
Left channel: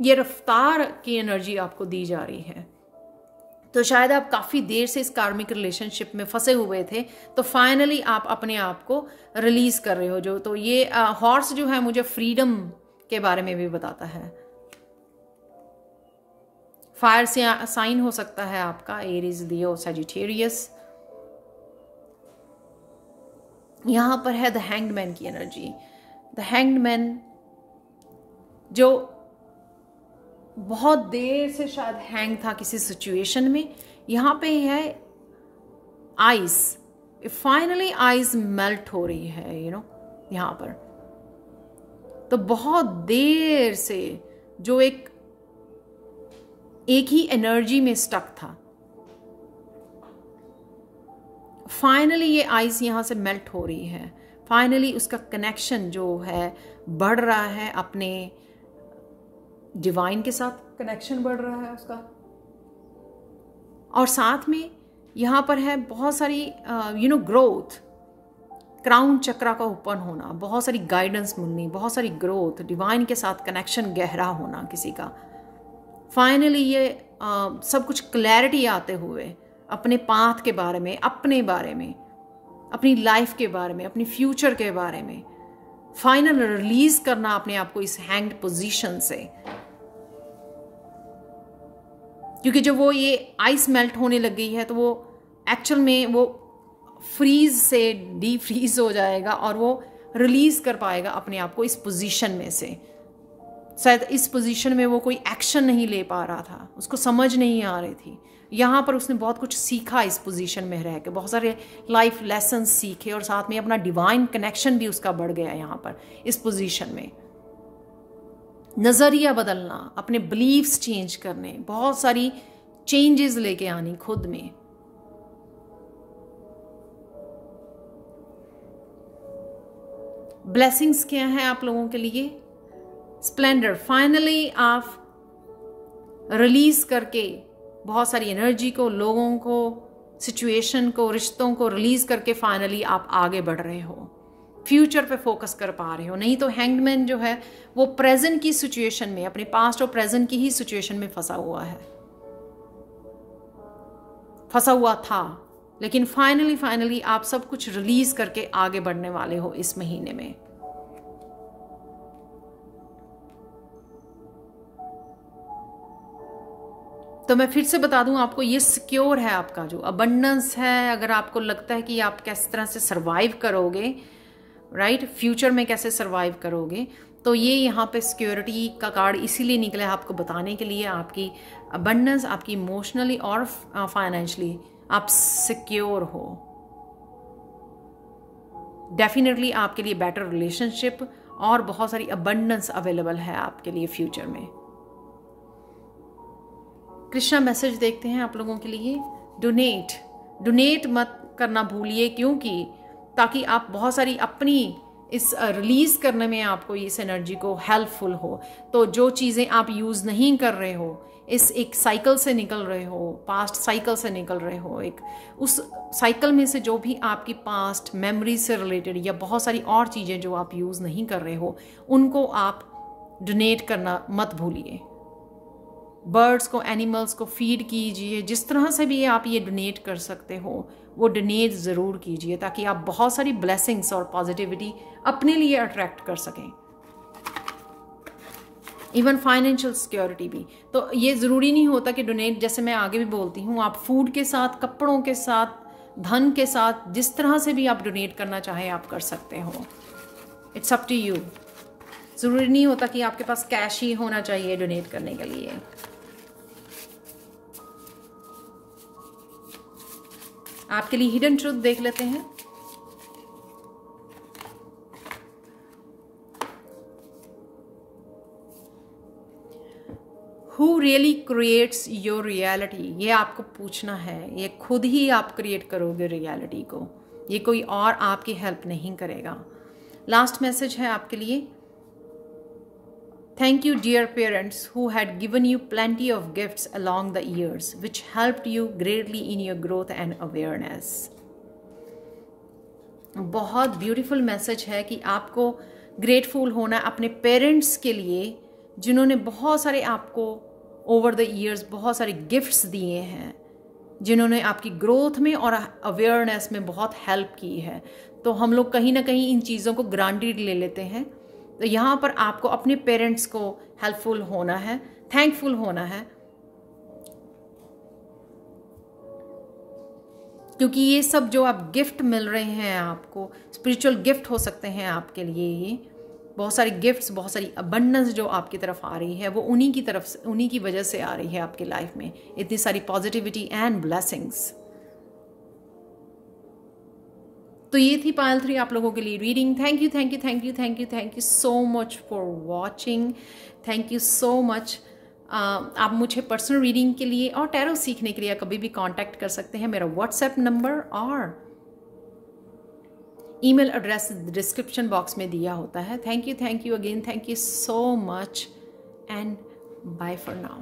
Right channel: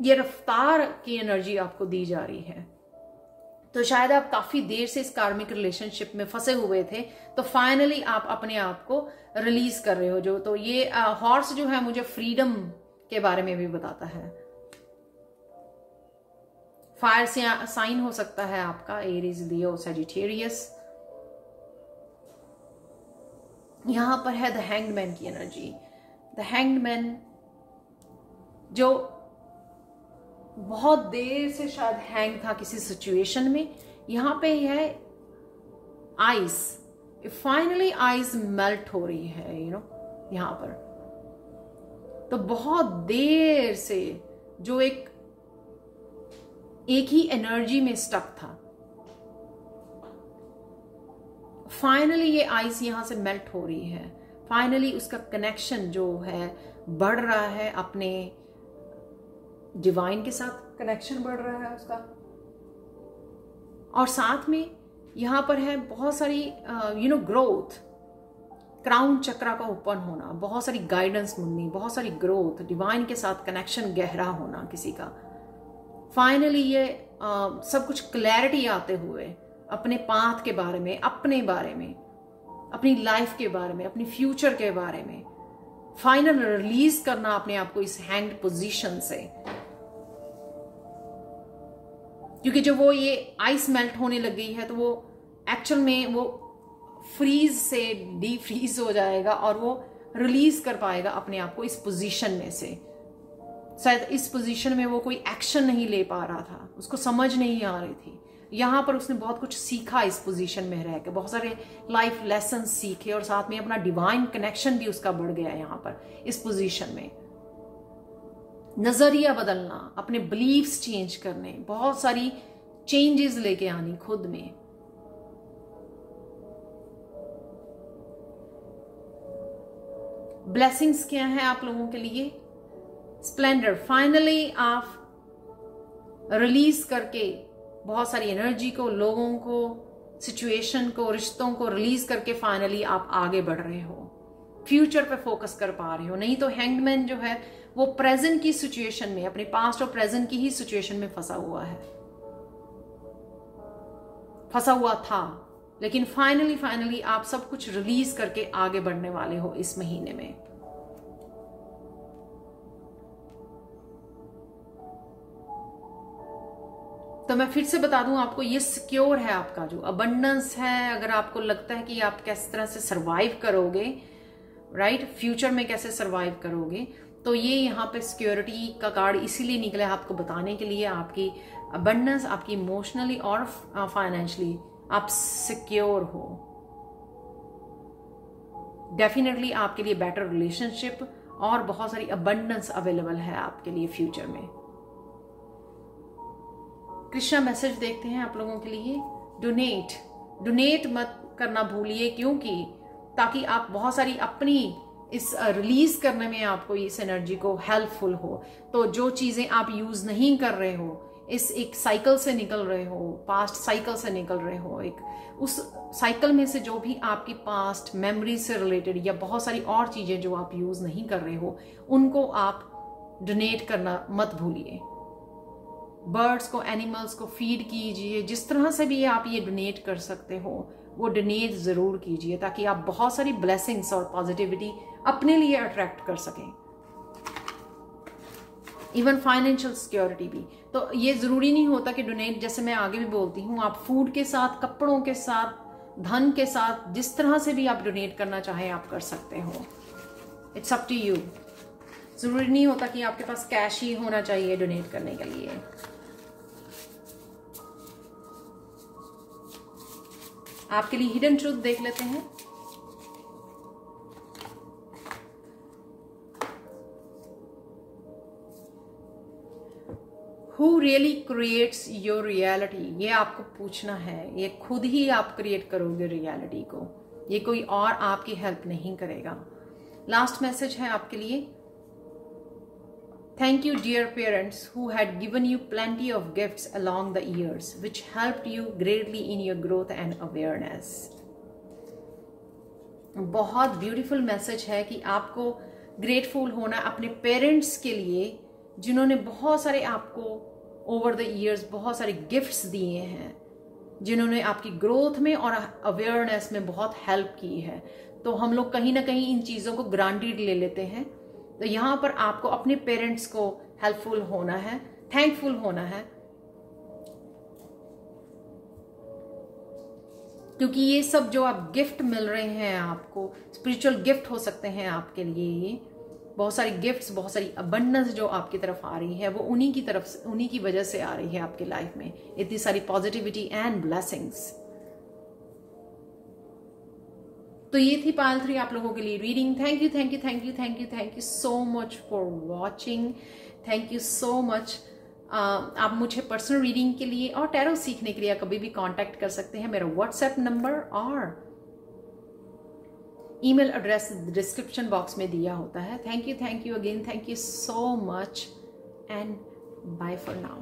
ये रफ्तार की एनर्जी आपको दी जा रही है। तो शायद आप काफी देर से इस कार्मिक रिलेशनशिप में फंसे हुए थे, तो फाइनली आप अपने आप को रिलीज कर रहे हो। जो तो ये हॉर्स जो है मुझे फ्रीडम के बारे में भी बताता है। फायर से साइन हो सकता है आपका, एरीज, लियो, सजिटेरियस। यहां पर है द हैंग्ड मैन की एनर्जी। द हैंग्ड मैन जो बहुत देर से शायद हैंग था किसी सिचुएशन में, यहां पे है आइस। फाइनली आइस मेल्ट हो रही है, यहां पर। तो बहुत देर से जो एक ही एनर्जी में स्टक था, फाइनली ये आइस यहां से मेल्ट हो रही है। फाइनली उसका कनेक्शन जो है बढ़ रहा है, अपने डिवाइन के साथ कनेक्शन बढ़ रहा है उसका। और साथ में यहां पर है बहुत सारी ग्रोथ, क्राउन चक्रा का ओपन होना, बहुत सारी गाइडेंस मिलनी, बहुत सारी ग्रोथ, डिवाइन के साथ कनेक्शन गहरा होना किसी का। फाइनली ये सब कुछ क्लैरिटी आते हुए अपने पाथ के बारे में, अपने बारे में, अपनी लाइफ के बारे में, अपनी फ्यूचर के बारे में, फाइनल रिलीज करना अपने आप को इस हैंग्ड पोजीशन से। क्योंकि जब वो ये आइस मेल्ट होने लग गई है तो वो एक्चुअल में वो फ्रीज से डी फ्रीज हो जाएगा और वो रिलीज कर पाएगा अपने आप को इस पोजीशन में से। शायद इस पोजीशन में वो कोई एक्शन नहीं ले पा रहा था, उसको समझ नहीं आ रही थी, यहाँ पर उसने बहुत कुछ सीखा इस पोजीशन में रह के, बहुत सारे लाइफ लेसन सीखे और साथ में अपना डिवाइन कनेक्शन भी उसका बढ़ गया यहाँ पर इस पोजीशन में। नजरिया बदलना, अपने बिलीव्स चेंज करने, बहुत सारी चेंजेस लेके आनी खुद में। ब्लेसिंग्स क्या है आप लोगों के लिए? स्प्लेंडर, फाइनली आप रिलीज करके बहुत सारी एनर्जी को, लोगों को, सिचुएशन को, रिश्तों को रिलीज करके फाइनली आप आगे बढ़ रहे हो, फ्यूचर पे फोकस कर पा रहे हो। नहीं तो हैंग्ड मैन जो है वो प्रेजेंट की सिचुएशन में, अपने पास्ट और प्रेजेंट की ही सिचुएशन में फंसा हुआ था, लेकिन फाइनली आप सब कुछ रिलीज करके आगे बढ़ने वाले हो इस महीने में। तो मैं फिर से बता दूं आपको, ये सिक्योर है आपका जो अबंडेंस है। अगर आपको लगता है कि आप किस तरह से सरवाइव करोगे, राइट, फ्यूचर में कैसे सरवाइव करोगे, तो ये यहाँ पे सिक्योरिटी का कार्ड इसीलिए निकला है आपको बताने के लिए। आपकी अबंडेंस, आपकी इमोशनली और फाइनेंशियली आप सिक्योर हो। डेफिनेटली आपके लिए बेटर रिलेशनशिप और बहुत सारी अबंडेंस अवेलेबल है आपके लिए फ्यूचर में। कृष्णा मैसेज देखते हैं आप लोगों के लिए। डोनेट मत करना भूलिए, क्योंकि ताकि आप बहुत सारी अपनी इस रिलीज करने में आपको इस एनर्जी को हेल्पफुल हो। तो जो चीजें आप यूज नहीं कर रहे हो, इस एक साइकिल से निकल रहे हो, पास्ट साइकिल से निकल रहे हो, एक उस साइकिल में से जो भी आपकी पास्ट मेमोरी से रिलेटेड या बहुत सारी और चीजें जो आप यूज नहीं कर रहे हो, उनको आप डोनेट करना मत भूलिए। बर्ड्स को, एनिमल्स को फीड कीजिए। जिस तरह से भी आप ये डोनेट कर सकते हो वो डोनेट जरूर कीजिए, ताकि आप बहुत सारी ब्लेसिंग्स और पॉजिटिविटी अपने लिए अट्रैक्ट कर सकें, इवन फाइनेंशियल सिक्योरिटी भी। तो ये जरूरी नहीं होता कि डोनेट, जैसे मैं आगे भी बोलती हूँ, आप फूड के साथ, कपड़ों के साथ, धन के साथ, जिस तरह से भी आप डोनेट करना चाहें आप कर सकते हो। It's up to you. जरूरी नहीं होता कि आपके पास कैश ही होना चाहिए डोनेट करने के लिए। आपके लिए हिडन ट्रूथ देख लेते हैं। Who really creates your reality? ये आपको पूछना है। ये खुद ही आप क्रिएट करोगे रियलिटी को, ये कोई और आपकी हेल्प नहीं करेगा। लास्ट मैसेज है आपके लिए। Thank you, dear parents, who had given you plenty of gifts along the years, which helped you greatly in your growth and awareness. बहुत ब्यूटीफुल मैसेज है कि आपको ग्रेटफुल होना अपने पेरेंट्स के लिए, जिन्होंने बहुत सारे आपको ओवर द ईयर्स बहुत सारे गिफ्ट्स दिए हैं, जिन्होंने आपकी ग्रोथ में और अवेयरनेस में बहुत हेल्प की है। तो हम लोग कहीं ना कहीं इन चीज़ों को ग्रांटेड ले लेते हैं। तो यहाँ पर आपको अपने पेरेंट्स को हेल्पफुल होना है, थैंकफुल होना है, क्योंकि ये सब जो आप गिफ्ट मिल रहे हैं आपको, स्पिरिचुअल गिफ्ट हो सकते हैं आपके लिए। ये बहुत सारी गिफ्ट्स, बहुत सारी अबंडेंस जो आपकी तरफ आ रही है, वो उन्हीं की तरफ से, उन्हीं की वजह से आ रही है आपकी लाइफ में, इतनी सारी पॉजिटिविटी एंड ब्लेसिंग्स। तो ये थी पायल 3 आप लोगों के लिए reading. Thank you so much for watching. Thank you so much. आप मुझे पर्सनल रीडिंग के लिए और टैरो सीखने के लिए कभी भी कांटेक्ट कर सकते हैं। मेरा व्हाट्सएप नंबर और ईमेल एड्रेस डिस्क्रिप्शन बॉक्स में दिया होता है। Thank you again, thank you so much and bye for now.